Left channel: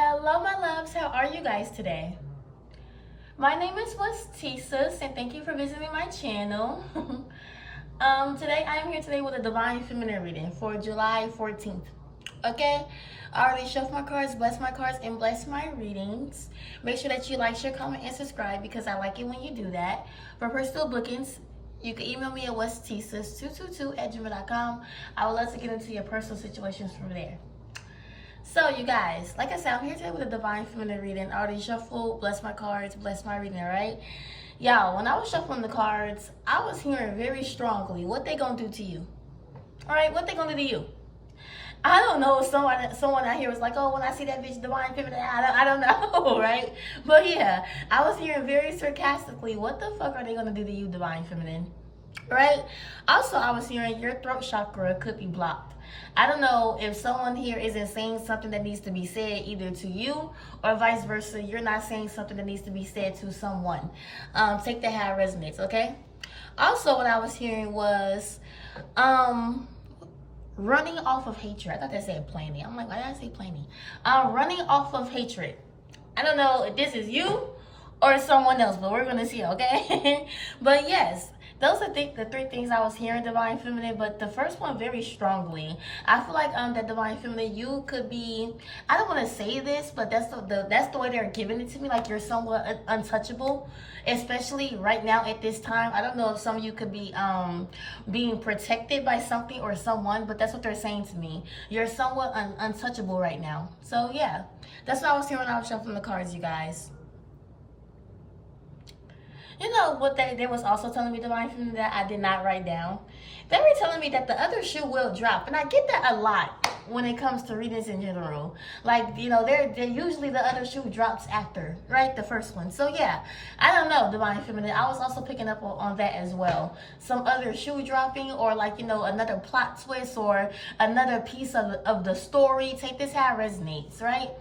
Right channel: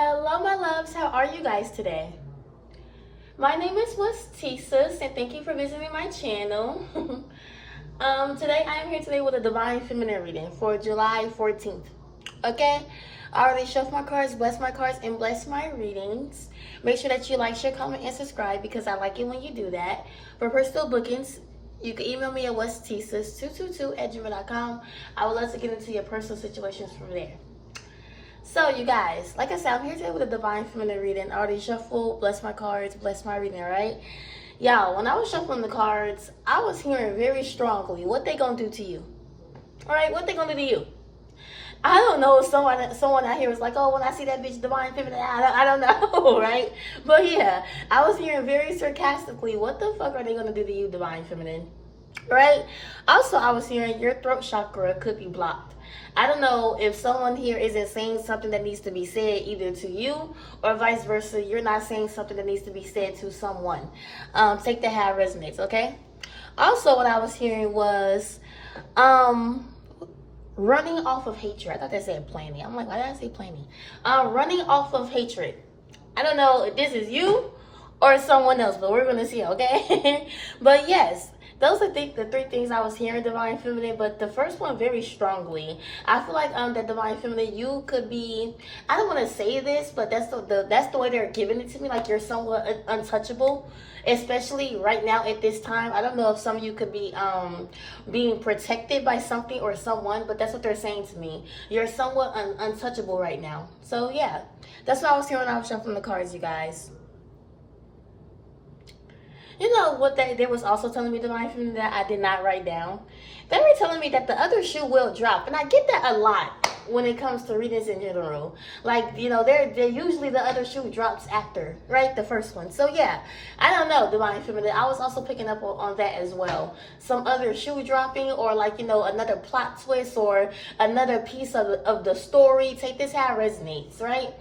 Hello, my loves. How are you guys today? My name is Westesis, and thank you for visiting my channel. Today I am here today with a Divine Feminine reading for July 14th. Okay? I already shuffled my cards, blessed my cards, and blessed my readings. Make sure that you like, share, comment, and subscribe because I like it when you do that. For personal bookings, you can email me at westesis222@gmail.com. I would love to get into your personal situations from there. So, you guys, like I said, I'm here today with a Divine Feminine reading. I already shuffled, bless my cards, bless my reading, right? Y'all, when I was shuffling the cards, I was hearing very strongly what they gonna do to you. All right, what they gonna do to you? I don't know if someone out here was like, oh, when I see that bitch Divine Feminine, I don't know, right? But yeah, I was hearing very sarcastically, what the fuck are they gonna do to you, Divine Feminine? Right? Also, I was hearing your throat chakra could be blocked. I don't know if someone here isn't saying something that needs to be said either to you or vice versa. You're not saying something that needs to be said to someone. Take that how it resonates, okay? Also, what I was hearing was running off of hatred. I thought they said planning. I'm like, why did I say planning? Running off of hatred. I don't know if this is you or someone else, but we're going to see, okay? But yes. Those are the three things I was hearing, Divine Feminine, but the first one very strongly. I feel like that Divine Feminine, you could be, I don't want to say this, but that's the way they're giving it to me, like you're somewhat untouchable, especially right now at this time. I don't know if some of you could be being protected by something or someone, but that's what they're saying to me. You're somewhat untouchable right now. So yeah, that's what I was hearing when I was shuffling the cards, you guys. You know what they was also telling me, Divine Feminine, that I did not write down? They were telling me that the other shoe will drop. And I get that a lot when it comes to readings in general. Like, you know, they're usually the other shoe drops after, right? The first one. So yeah, I don't know, Divine Feminine. I was also picking up on that as well. Some other shoe dropping or like, you know, another plot twist or another piece of the story. Take this how it resonates, right?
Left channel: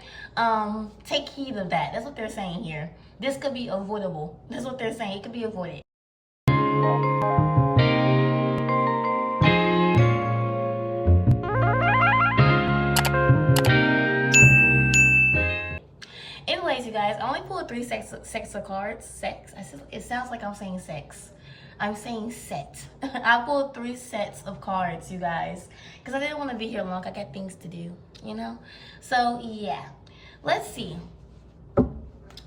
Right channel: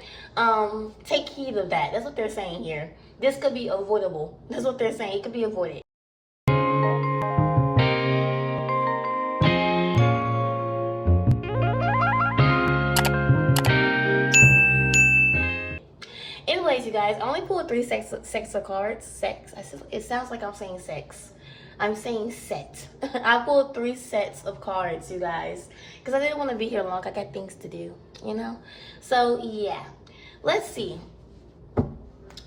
Take heed of that. That's what they're saying here. This could be avoidable. That's what they're saying. It could be avoided. Anyways, you guys, I only pulled 3 sex of cards. Sex. It sounds like I'm saying sex. I'm saying set. I pulled 3 sets of cards, you guys, because I didn't want to be here long. I got things to do, you know? So, yeah. Let's see.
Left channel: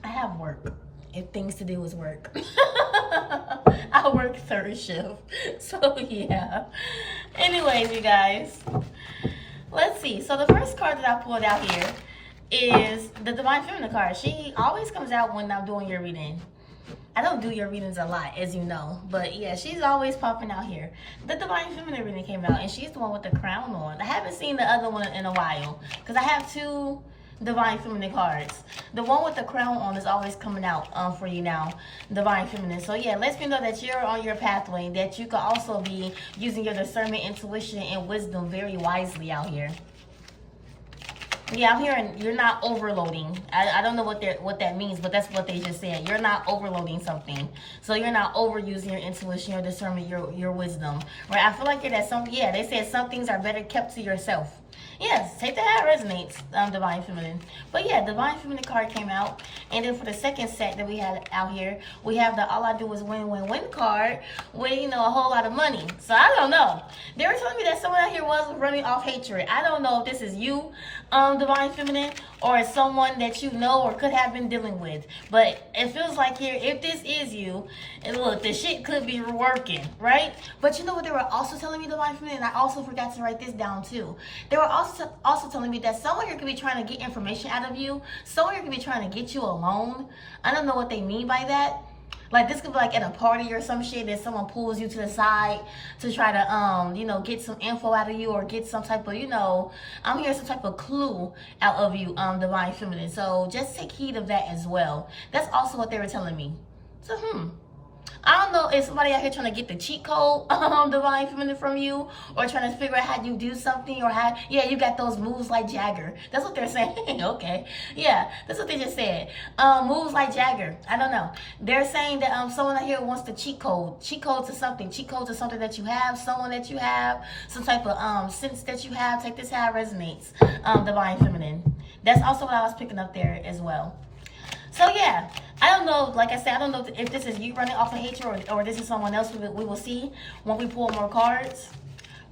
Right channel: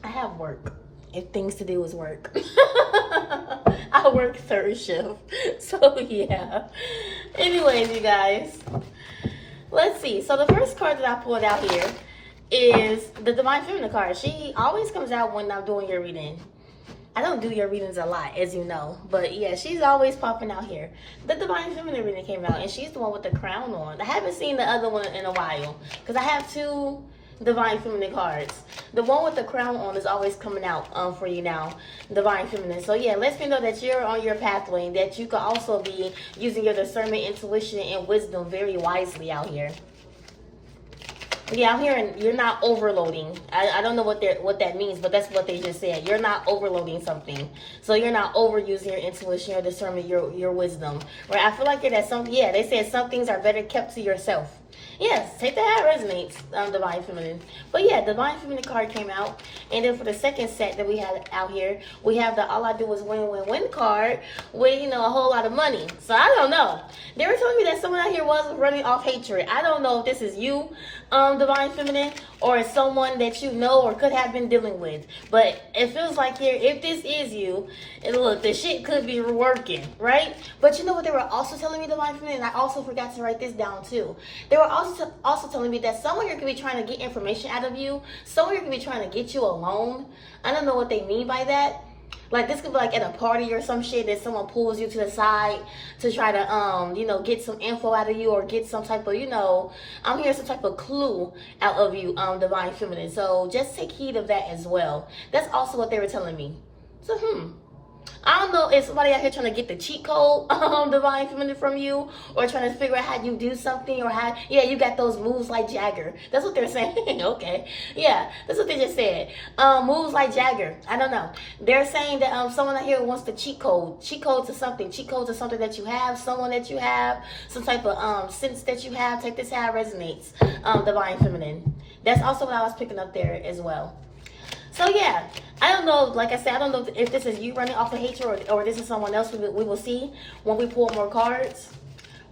I have work. If things to do is work. I work third shift. So yeah. Anyways, you guys. Let's see. So the first card that I pulled out here is the Divine Feminine card. She always comes out when I'm doing your reading. I don't do your readings a lot, as you know. But yeah, she's always popping out here. The Divine Feminine reading came out, and she's the one with the crown on. I haven't seen the other one in a while, because I have 2 Divine Feminine cards. The one with the crown on is always coming out for you now, Divine Feminine. So yeah, lets me know that you're on your pathway, that you could also be using your discernment, intuition, and wisdom very wisely out here. Yeah, I'm hearing you're not overloading. I don't know what that means, but that's what they just said. You're not overloading something. So you're not overusing your intuition, your discernment, your wisdom. Right? I feel like it has something. Yeah, they said some things are better kept to yourself. Yes, take that how it resonates, Divine Feminine. But yeah, Divine Feminine card came out. And then for the second set that we had out here, we have the All I Do Is Win, Win, Win card with, you know, a whole lot of money. So I don't know. They were telling me that someone out here was running off hatred. I don't know if this is you, Divine Feminine, or someone that you know or could have been dealing with. But it feels like here, if this is you, and look, the shit could be working, right? But you know what they were also telling me, Divine Feminine? I also forgot to write this down too. They were also telling me that someone here could be trying to get information out of you. Someone here could be trying to get you alone. I don't know what they mean by that. Like, this could be like at a party or some shit that someone pulls you to the side to try to, you know, get some info out of you or get some type of, you know, I'm hearing some type of clue out of you, Divine Feminine. So just take heed of that as well. That's also what they were telling me. So, I don't know if somebody out here trying to get the cheat code, Divine Feminine, from you, or trying to figure out how you do something, or how, yeah, you got those moves like Jagger. That's what they're saying. Okay. Yeah, that's what they just said. Moves like Jagger. I don't know. They're saying that someone out here wants the cheat code to something. Cheat code to something that you have, someone that you have, some type of sense that you have. Take this how it resonates, Divine Feminine. That's also what I was picking up there as well. So yeah, I don't know. Like I said, I don't know if this is you running off of hatred or this is someone else. We will see when we pull more cards.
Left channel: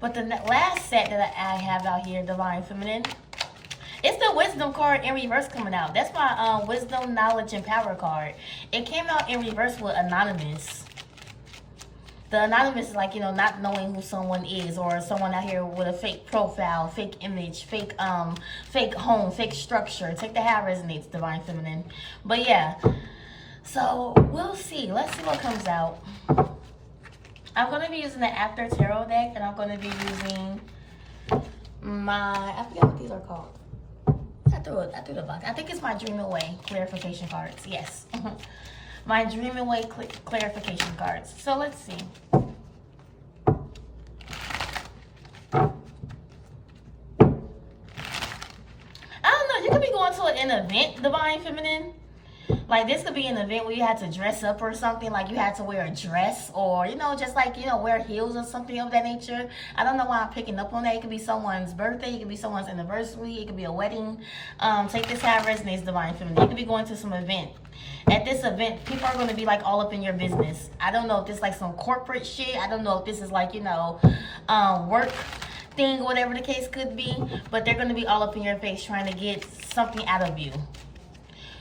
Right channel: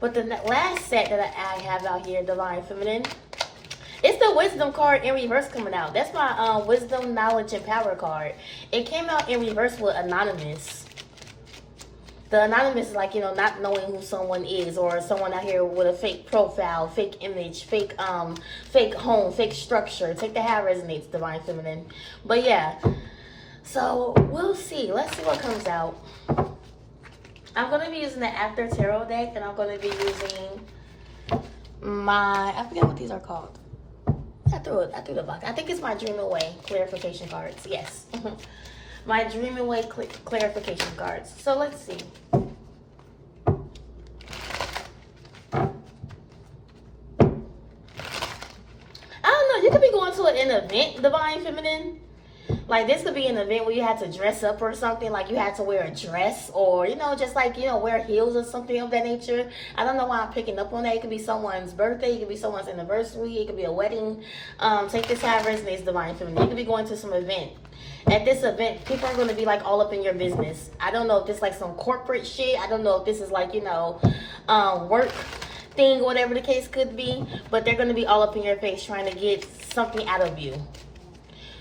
But the last set that I have out here, Divine Feminine, it's the Wisdom card in reverse coming out. That's my Wisdom, Knowledge, and Power card. It came out in reverse with Anonymous. The Anonymous is like, you know, not knowing who someone is, or someone out here with a fake profile, fake image, fake home, fake structure. Take the how it resonates, Divine Feminine. But yeah, so we'll see. Let's see what comes out. I'm going to be using the After Tarot deck, and I'm going to be using my, I forget what these are called. I threw the box. I think it's my Dream Away clarification cards. Yes. My Dream Away clarification cards. So let's see. I don't know. You could be going to an event, Divine Feminine. Like, this could be an event where you had to dress up or something. Like, you had to wear a dress or, you know, just like, you know, wear heels or something of that nature. I don't know why I'm picking up on that. It could be someone's birthday. It could be someone's anniversary. It could be a wedding. Take this how it resonates, Divine Feminine. You could be going to some event. At this event, people are going to be, like, all up in your business. I don't know if this is, like, some corporate shit. I don't know if this is, like, you know, work thing, whatever the case could be. But they're going to be all up in your face trying to get something out of you.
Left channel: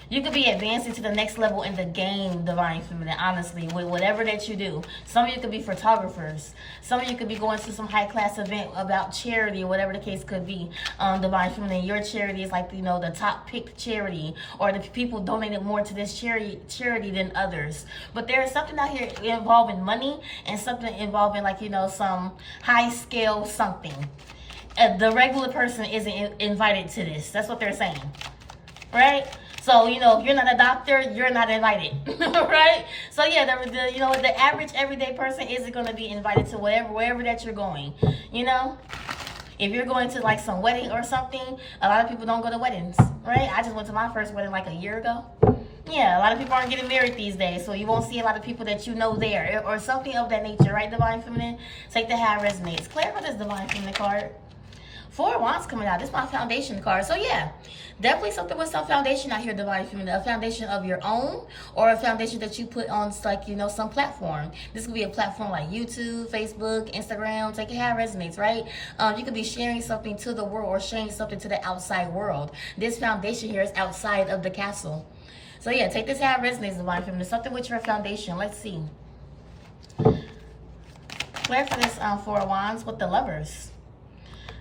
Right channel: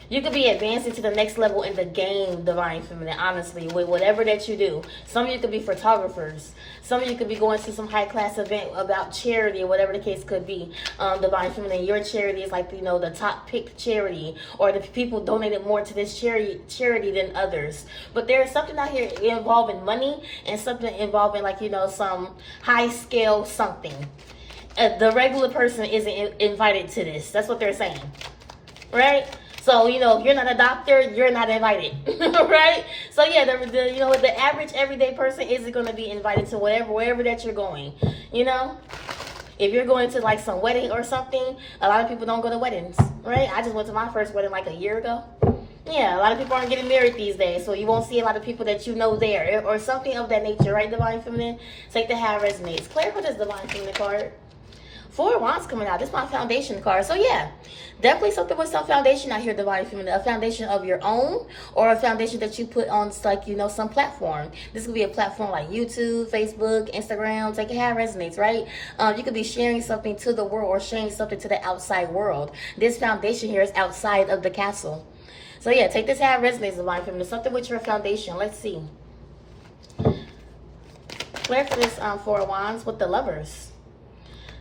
You could be advancing to the next level in the game, Divine Feminine, honestly, with whatever that you do. Some of you could be photographers. Some of you could be going to some high-class event about charity or whatever the case could be, Divine Feminine. Your charity is like, you know, the top-picked charity, or the people donated more to this charity than others. But there's something out here involving money and something involving, like, you know, some high-scale something. The regular person isn't invited to this. That's what they're saying, right? So, you know, if you're not a doctor, you're not invited, right? So, yeah, you know, the average everyday person isn't going to be invited to wherever that you're going, you know? If you're going to, like, some wedding or something, a lot of people don't go to weddings, right? I just went to my first wedding, like, a year ago. Yeah, a lot of people aren't getting married these days, so you won't see a lot of people that you know there or something of that nature, right, Divine Feminine? Take the how it resonates. Clarify this Divine Feminine card. 4 of Wands coming out. This is my foundation card. So, yeah, definitely something with some foundation out here, Divine Feminine. A foundation of your own or a foundation that you put on, like, you know, some platform. This could be a platform like YouTube, Facebook, Instagram. Take it how it resonates, right? You could be sharing something to the world or sharing something to the outside world. This foundation here is outside of the castle. So, yeah, take this how it resonates, Divine Feminine. Something with your foundation. Let's see. Clarify this 4 of Wands with the Lovers.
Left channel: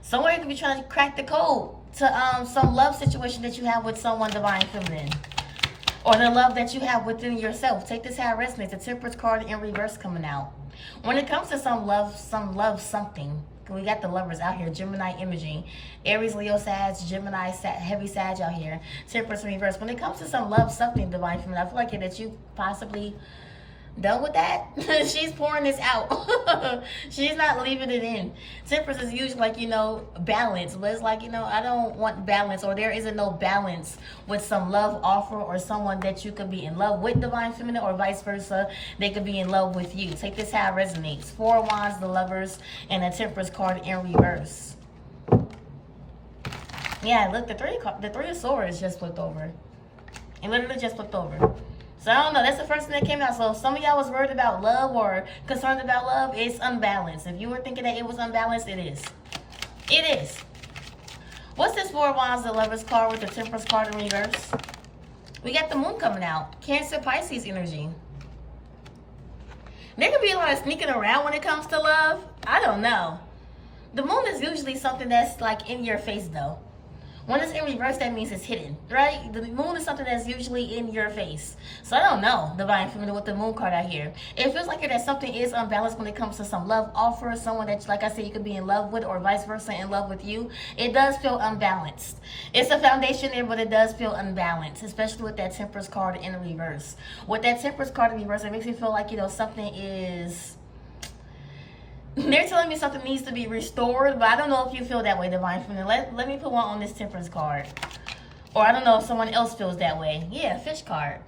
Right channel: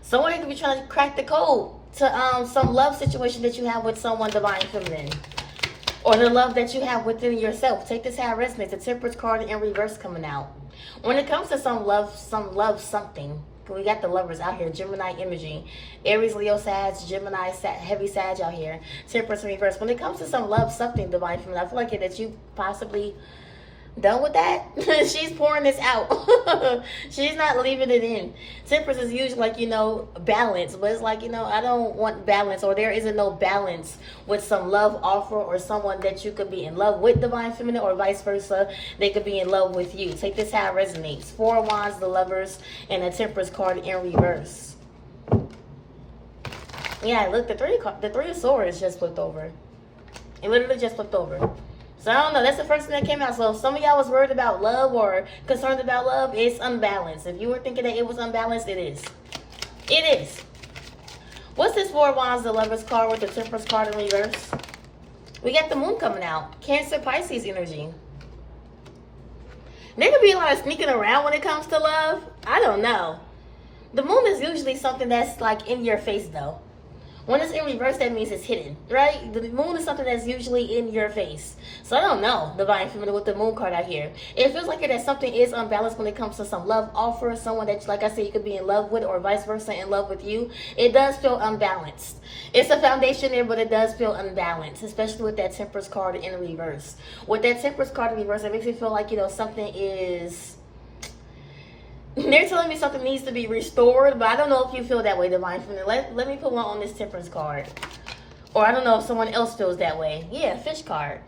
Someone could be trying to crack the code to some love situation that you have with someone, Divine Feminine. Or the love that you have within yourself. Take this how it resonates. The Temperance card in reverse coming out. When it comes to some love something. We got the Lovers out here. Gemini energy. Aries, Leo, Sag, Gemini, heavy Sag out here. Temperance in reverse. When it comes to some love something, Divine Feminine, I feel like that you possibly done with that. She's pouring this out. She's not leaving it in. Temperance is usually like, you know, balance, but it's like, you know, I don't want balance, or there isn't no balance with some love offer or someone that you could be in love with, Divine Feminine, or vice versa. They could be in love with you. Take this how it resonates. 4 of Wands, the Lovers, and a Temperance card in reverse. Yeah, look, the three of Swords just flipped over. It literally just flipped over. So, I don't know. That's the first thing that came out. So, if some of y'all was worried about love or concerned about love, it's unbalanced. If you were thinking that it was unbalanced, it is. It is. What's this 4 of Wands, the Lovers card with the Temperance card in reverse? We got the Moon coming out. Cancer, Pisces energy. There could be a lot of sneaking around when it comes to love. I don't know. The Moon is usually something that's like in your face, though. When it's in reverse, that means it's hidden, right? The Moon is something that's usually in your face. So I don't know, Divine Feminine, with the Moon card out here. It feels like that something is unbalanced when it comes to some love offer, someone that, like I said, you could be in love with, or vice versa, in love with you. It does feel unbalanced. It's a foundation there, but it does feel unbalanced, especially with that Temperance card in reverse. With that Temperance card in reverse, it makes me feel like, you know, something is... They're telling me something needs to be restored, but I don't know if you feel that way, Divine Feminine. Let me put one on this Temperance card. Or I don't know if someone else feels that way. Yeah, Fish card.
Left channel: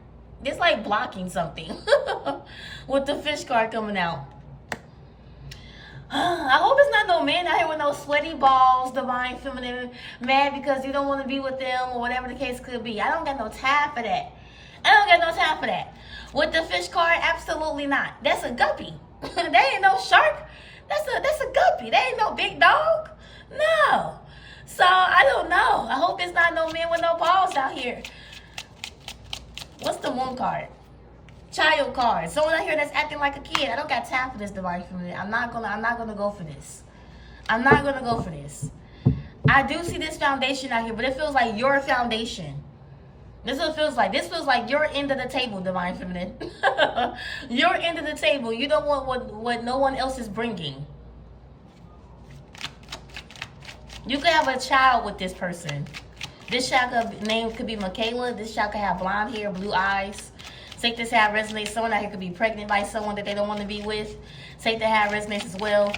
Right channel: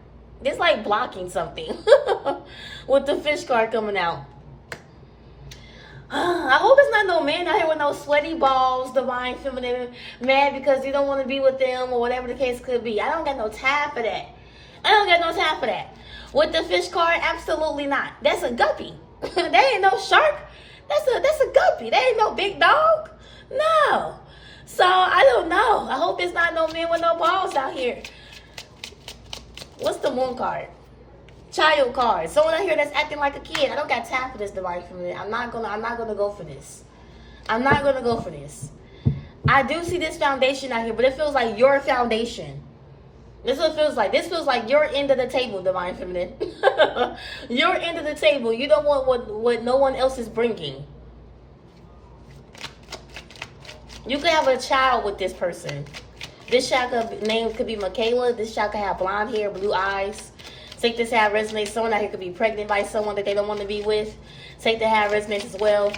It's like blocking something with the Fish card coming out. I hope it's not no man out here with no sweaty balls, divine feminine, mad because you don't want to be with them or whatever the case could be. I don't got no time for that. I don't got no time for that. With the fish card, absolutely not. That's a guppy. That ain't no shark. That's a guppy. That ain't no big dog. No. So I don't know. I hope it's not no man with no balls out here. What's the moon card? Child card. Someone out here that's acting like a kid. I don't got time for this, divine feminine. I'm not gonna go for this. I'm not gonna go for this. I do see this foundation out here, but it feels like your foundation. This is what it feels like. This feels like your end of the table, divine feminine. Your end of the table. You don't want what no one else is bringing. You could have a child with this person. This child name could be Michaela. This child could have blonde hair, blue eyes. Take this how it resonates. Someone out here could be pregnant by someone that they don't want to be with. Take that how it resonates as well.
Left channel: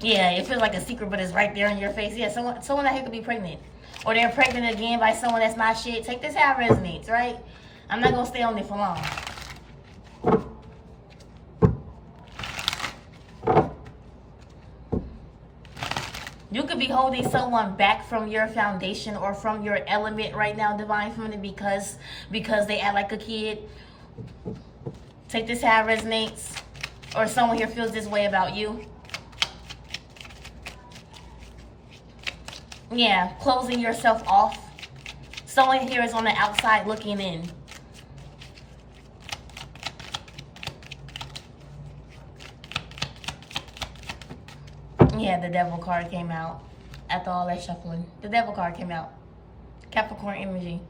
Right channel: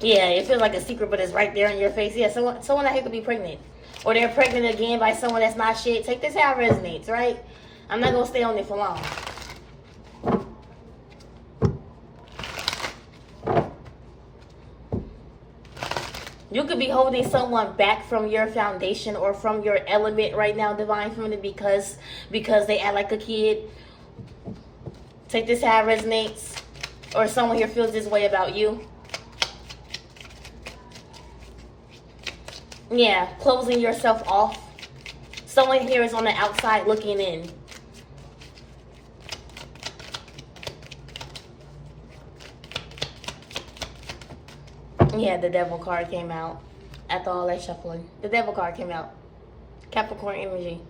Yeah, it feels like a secret, but it's right there in your face. Yeah, someone out here could be pregnant. Or they're pregnant again by someone that's not shit. Take this how it resonates, right? I'm not going to stay on it for long. You could be holding someone back from your foundation or from your element right now, divine feminine, because they act like a kid. Take this how it resonates. Or someone here feels this way about you. Yeah, closing yourself off. Someone here is on the outside looking in. Yeah, the devil card came out after all that shuffling. The devil card came out. Capricorn energy.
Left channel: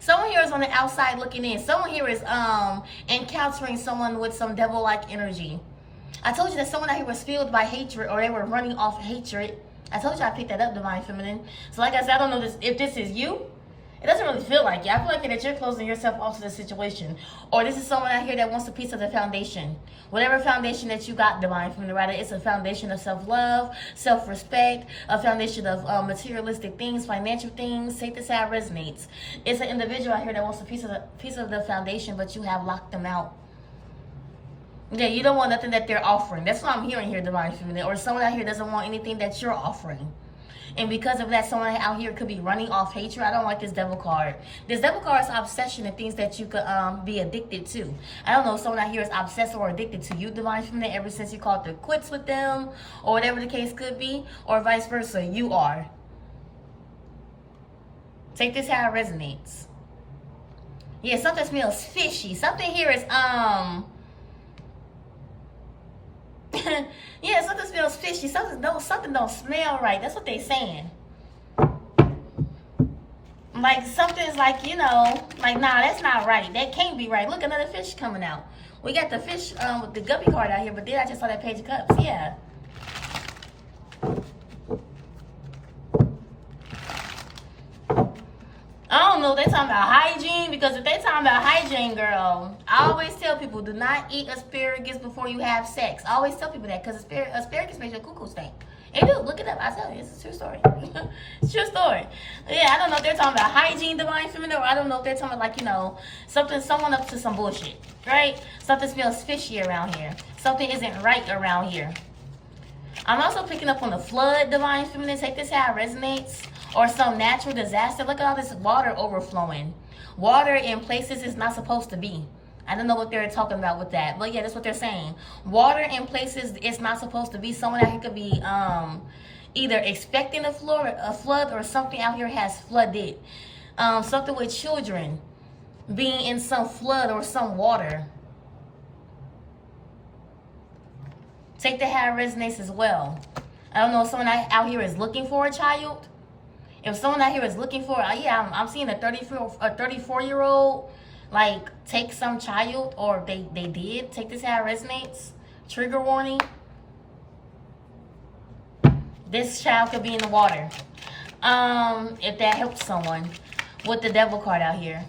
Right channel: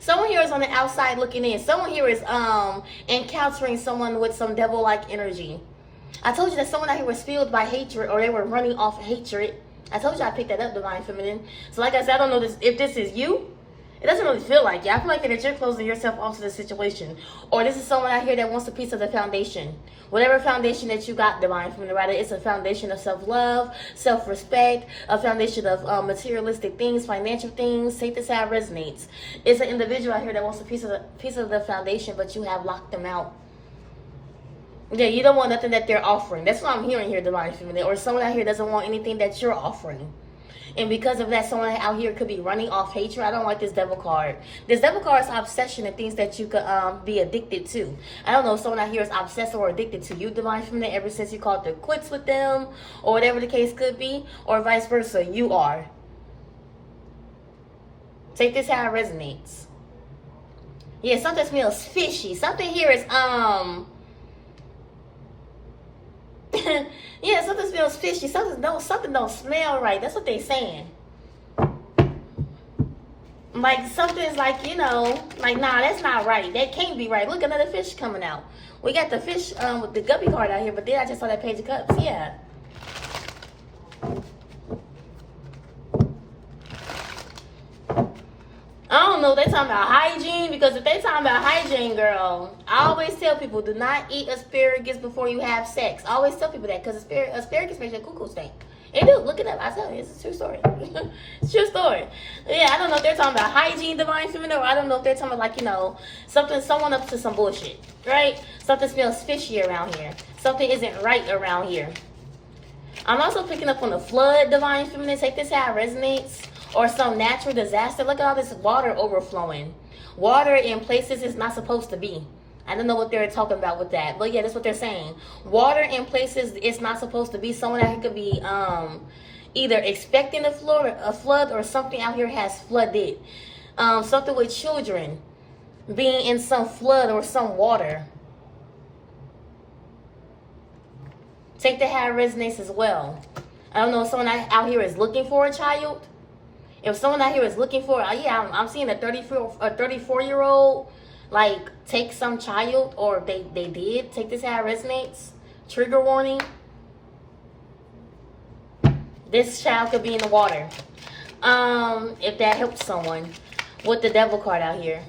Someone here is on the outside looking in. Someone here is encountering someone with some devil-like energy. I told you that someone out here was filled by hatred, or they were running off hatred. I told you I picked that up, divine feminine. So like I said, I don't know if this is you. It doesn't really feel like it. I feel like that you're closing yourself off to the situation. Or this is someone out here that wants a piece of the foundation. Whatever foundation that you got, divine feminine, right? It's a foundation of self-love, self-respect, a foundation of materialistic things, financial things. Take this how it resonates. It's an individual out here that wants a piece of the foundation, but you have locked them out. Yeah, you don't want nothing that they're offering. That's what I'm hearing here, divine feminine. Or someone out here doesn't want anything that you're offering. And because of that, someone out here could be running off hatred. I don't like this devil card. This devil card is obsession and things that you could be addicted to. I don't know if someone out here is obsessed or addicted to you, divine feminine, ever since you called it quits with them, or whatever the case could be, or vice versa, you are. Take this how it resonates. Yeah, something smells fishy. Something here is yeah, something smells fishy. Something don't smell right. That's what they're saying. Like something's like, you know, like nah, that's not right. That can't be right. Look, another fish coming out. We got the fish with the guppy card out here, but then I just saw that page of cups. Yeah. I don't know if they're talking about hygiene, because if they're talking about hygiene, girl, I always tell people, do not eat asparagus before you have sex. I always tell people that, because asparagus makes your cuckoo stink. It do. Look it up. I tell you, it's a true story. It's a true story. Yeah, I don't know if they're talking about hygiene, divine feminine, or I don't know if they're talking about, like, you know, someone up to some bullshit, right? Something smells fishy around here. Something isn't right around here. I'm also picking up on the flood, divine feminine. Take this how it resonates. Or some natural disaster. Look at all this water overflowing. Water in places it's not supposed to be. I don't know what they're talking about with that. But yeah, that's what they're saying. Water in places it's not supposed to be. Someone out here could be either expecting a flood or something out here has flooded. Something with children being in some flood or some water. Take the how it resonates as well. I don't know if someone out here is looking for a child. If someone out here is looking for, yeah, I'm seeing a 34-year-old, like, take some child, or they did. Take this how it resonates. Trigger warning. This child could be in the water. If that helps someone. With the devil card out here.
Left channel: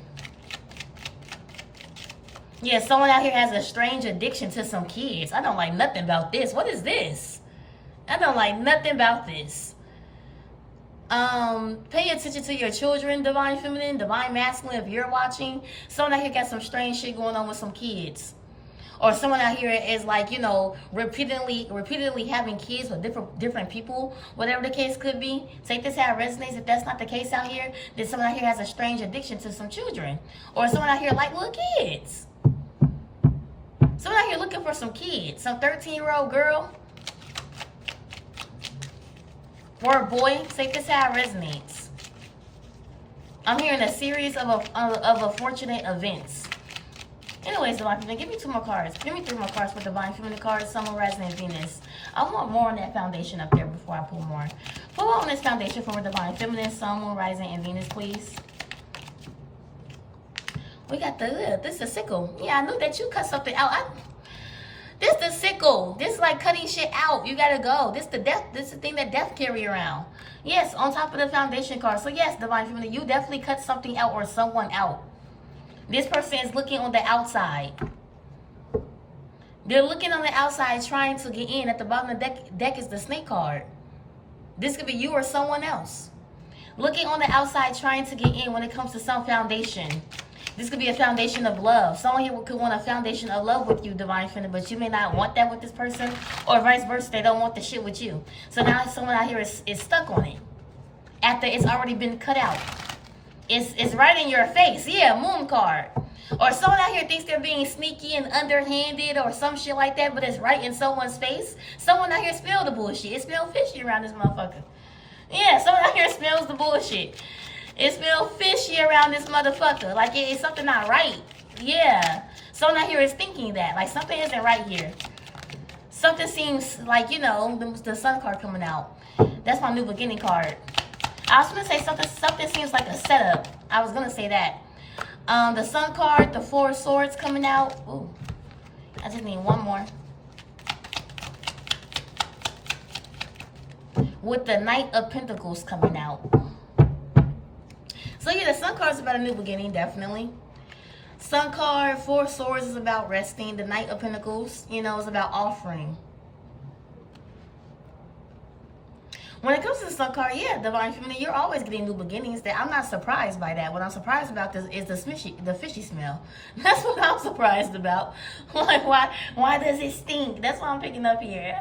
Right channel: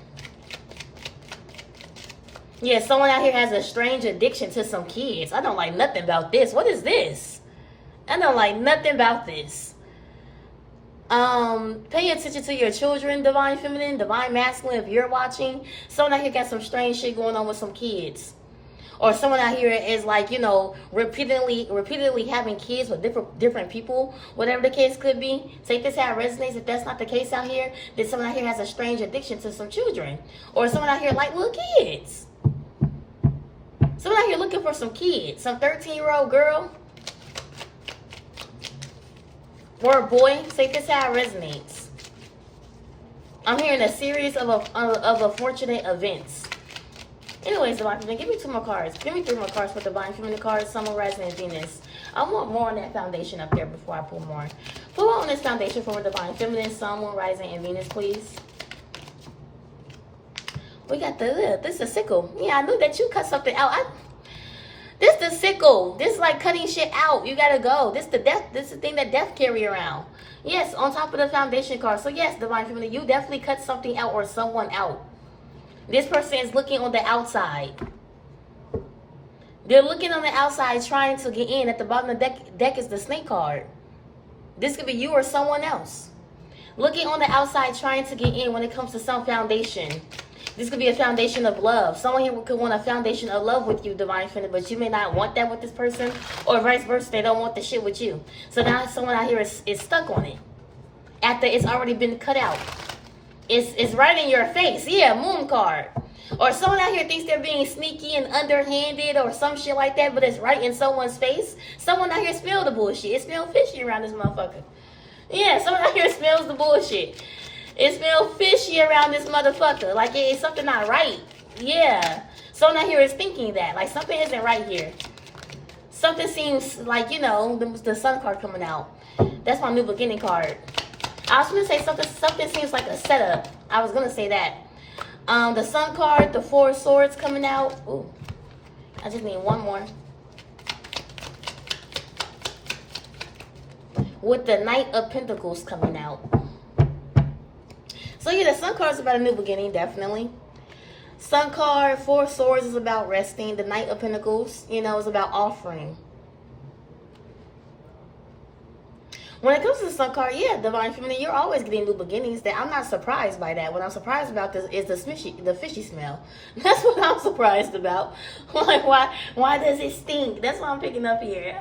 Yeah, someone out here has a strange addiction to some kids. I don't like nothing about this. What is this? I don't like nothing about this. Pay attention to your children, divine feminine, divine masculine, if you're watching. Someone out here got some strange shit going on with some kids. Or someone out here is like, you know, repeatedly having kids with different people, whatever the case could be. Take this how it resonates. If that's not the case out here, then someone out here has a strange addiction to some children. Or someone out here like little kids. Someone out here looking for some kids. Some 13-year-old girl. Or a boy. Take this how it resonates. I'm hearing a series of unfortunate events. Anyways, Divine Feminine, give me 2 more cards. Give me 3 more cards for Divine Feminine cards. Sun, Moon, Rising, and Venus. I want more on that foundation up there before I pull more. Pull on this foundation for Divine Feminine, Sun, Moon, Rising, and Venus, please. We got this is a sickle. Yeah, I knew that you cut something out. This the sickle. This is like cutting shit out. You gotta go. This the death. This is the thing that death carry around. Yes, on top of the foundation card. So yes, Divine Feminine, you definitely cut something out or someone out. This person is looking on the outside. They're looking on the outside trying to get in. At the bottom of the deck is the snake card. This could be you or someone else. Looking on the outside trying to get in when it comes to some foundation. This could be a foundation of love. Someone here could want a foundation of love with you, Divine Feminine, but you may not want that with this person. Or vice versa, they don't want the shit with you. So now someone out here is stuck on it. After it's already been cut out. It's right in your face. Yeah, moon card. Or someone out here thinks they're being sneaky and underhanded or some shit like that, but it's right in someone's face. Someone out here smell the bullshit. It smells fishy around this motherfucker. Yeah, someone out here smells the bullshit. It smells fishy around this motherfucker. Like it's something not right. Yeah. Someone out here is thinking that. Like something isn't right here. Something seems like, you know, the sun card coming out. That's my new beginning card. I was going to say something seems like a setup. I was going to say that. The sun card, the 4 of swords coming out. Ooh, I just need one more. With the Knight of Pentacles coming out. So yeah, the sun card is about a new beginning, definitely. Sun card, 4 of swords is about resting. The Knight of Pentacles, you know, is about offering. When it comes to the sun card, yeah, Divine Feminine, you're always getting new beginnings. That I'm not surprised by that. What I'm surprised about this is the fishy smell. That's what I'm surprised about. Like, why does it stink? That's what I'm picking up here.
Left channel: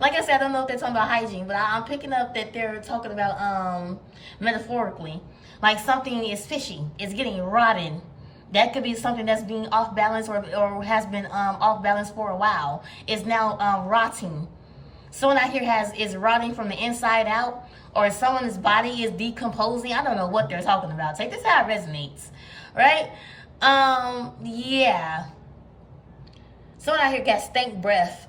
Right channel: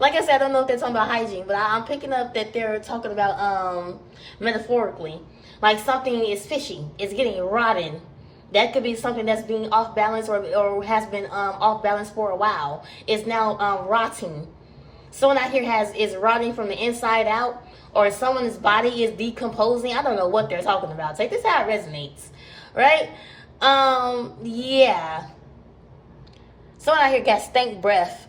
Like I said, I don't know if they're talking about hygiene, but I'm picking up that they're talking about metaphorically. Like something is fishy. It's getting rotten. That could be something that's being off balance or has been off balance for a while. It's now rotting. Someone out here is rotting from the inside out, or someone's body is decomposing. I don't know what they're talking about. Take this how it resonates, right? Yeah. Someone out here got stank breath.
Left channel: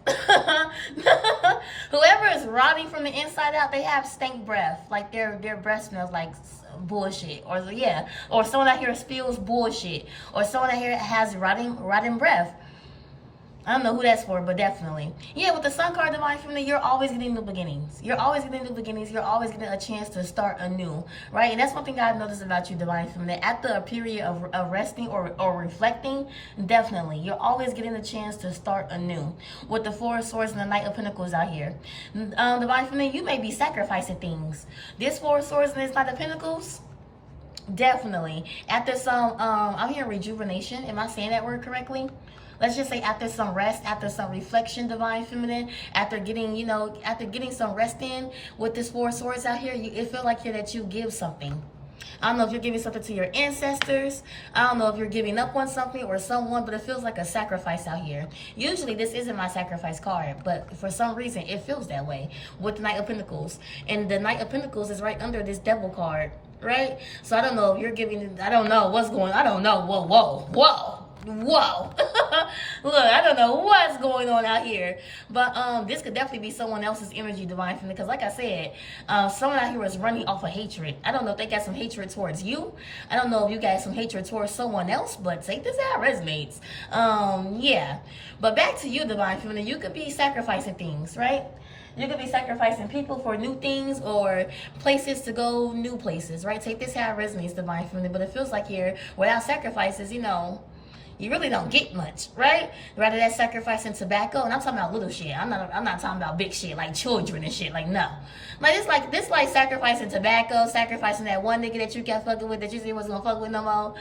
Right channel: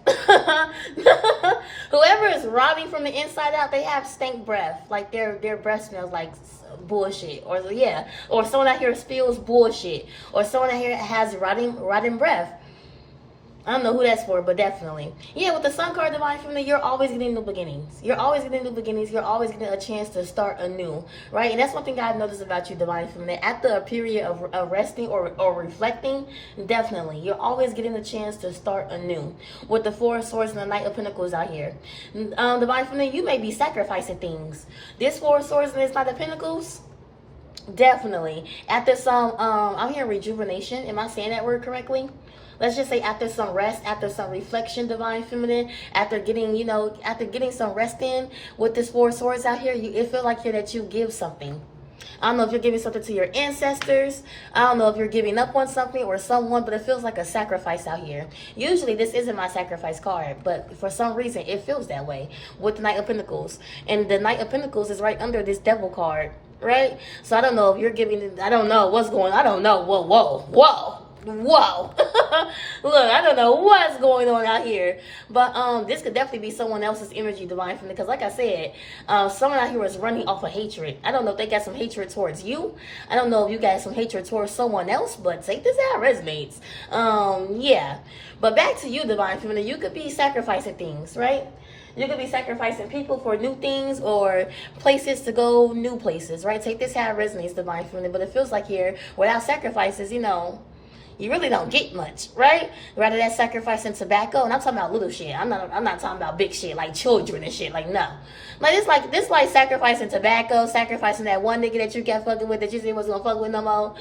Whoever is rotting from the inside out, they have stank breath. Like their breath smells like bullshit, or yeah, or someone out here spills bullshit, or someone out here has rotting breath. I don't know who that's for, but definitely. Yeah, with the sun card, Divine Feminine, you're always getting new beginnings. You're always getting new beginnings. You're always getting a chance to start anew, right? And that's one thing I've noticed about you, Divine Feminine. After a period of resting or reflecting, definitely, you're always getting a chance to start anew. With the 4 of swords and the Knight of Pentacles out here. Divine Feminine, you may be sacrificing things. This 4 of swords and this Knight of Pentacles, definitely. After some, I'm hearing rejuvenation. Am I saying that word correctly? Let's just say after some rest, after some reflection, Divine Feminine, after getting, you know, after getting some rest in with this 4 of swords out here, it feels like here that you give something. I don't know if you're giving something to your ancestors. I don't know if you're giving up on something or someone, but it feels like a sacrifice out here. Usually this isn't my sacrifice card, but for some reason it feels that way with the Knight of Pentacles. And the Knight of Pentacles is right under this Devil card, right? So I don't know if you're giving, I don't know what's going on. I don't know. Whoa. Look, I don't know what's going on out here, but this could definitely be someone else's energy, Divine Feminine, because like I said, someone out here is running off of hatred. I don't know if they got some hatred towards you. I don't know if you got some hatred towards someone else, but take this how it resonates. Yeah, but back to you, Divine Feminine, you could be sacrificing things, right? You could be sacrificing people for new things or places to go, new places, right? Take this how it resonates, Divine Feminine, but it feels like here, without sacrifices, you know, you really don't get much, right? Rather than sacrificing tobacco, and I'm talking about little shit. I'm not talking about big shit like children and shit. Like, no. Like this like sacrificing tobacco, sacrificing that one nigga that you kept fucking with that you said was gonna fuck with no more,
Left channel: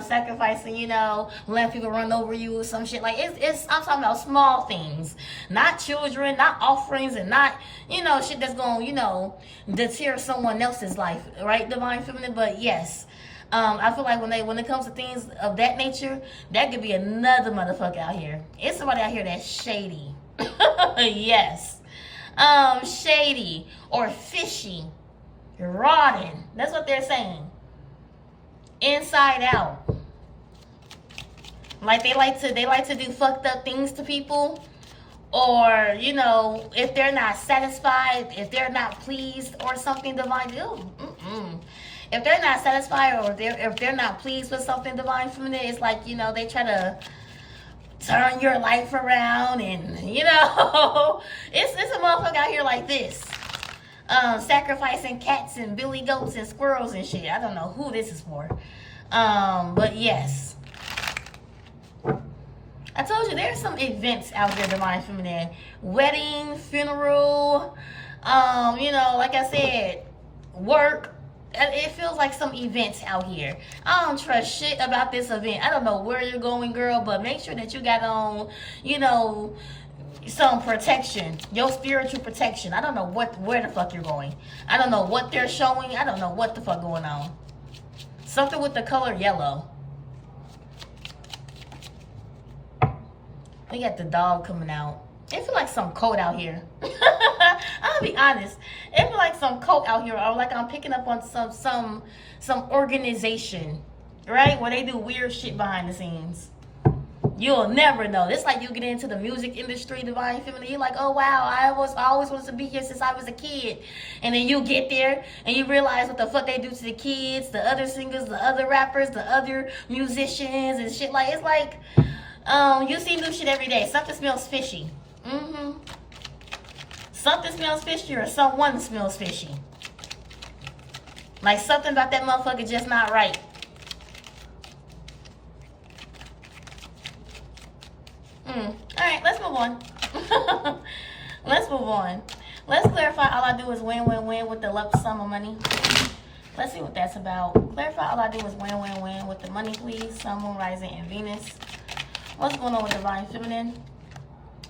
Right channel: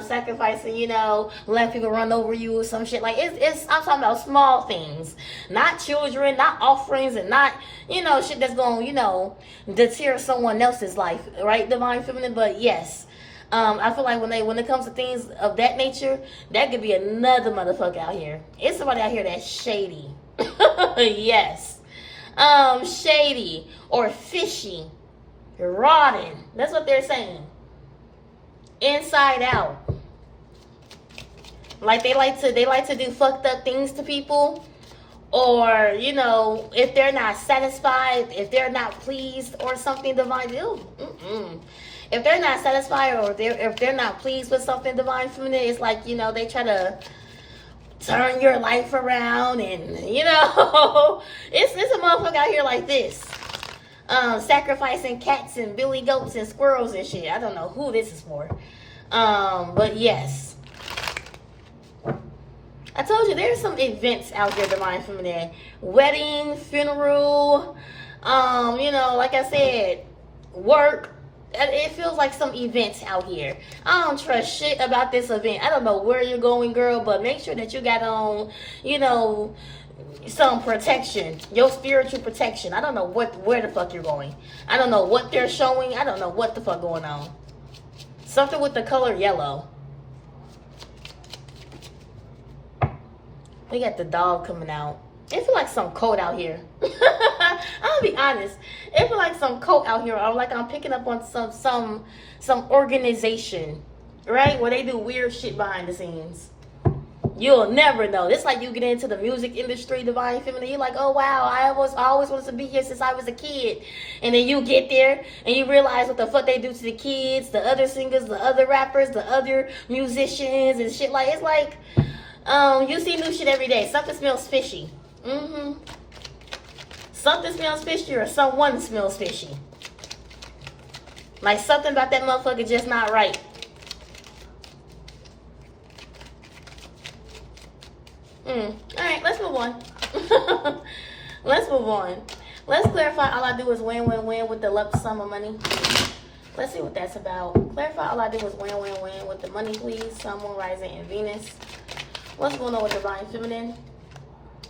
sacrificing, you know, letting people run over you or some shit. Like it's I'm talking about small things, not children, not offerings, and not, you know, shit that's gonna, you know, deter someone else's life, right? Divine Feminine. But yes, I feel like when it comes to things of that nature, that could be another motherfucker out here. It's somebody out here that's shady. Yes. Shady or fishy, rotten. That's what they're saying. Inside out. Like they like to do fucked up things to people, or, you know, if they're not satisfied, if they're not pleased or something, divine. If they're not satisfied, or if they're not pleased with something, divine feminine, it's like, you know, they try to turn your life around, and, you know, it's a motherfucker out here like this, sacrificing cats and billy goats and squirrels and shit. I don't know who this is for, but yes, I told you there's some events out there, divine feminine. Wedding, funeral, you know, like I said, work. It feels like some events out here. I don't trust shit about this event. I don't know where you're going, girl, but make sure that you got on, you know, some protection, your spiritual protection. I don't know where the fuck you're going. I don't know what they're showing. I don't know what the fuck going on. Something with the color yellow. We got the dog coming out. It feel like some coat out here. I'll be honest. It feel like some coat out here, or like I'm picking up on some organization, right? Where they do weird shit behind the scenes. You'll never know. It's like you get into the music industry, divine feminine. You're like, oh wow, I always wanted to be here since I was a kid. And then you get there and you realize what the fuck they do to the kids, the other singers, the other rappers, the other musicians and shit. Like, it's like, you see new shit every day. Something smells fishy. Something smells fishy, or someone smells fishy. Like something about that motherfucker just not right. Alright, let's move on. Let's move on. Let's clarify all I do is win, win, win with the lump sum of money. Let's see what that's about. Clarify all I do is win, win, win with the money, please. Sun, Moon, Rising, and Venus. What's going on with Divine Feminine?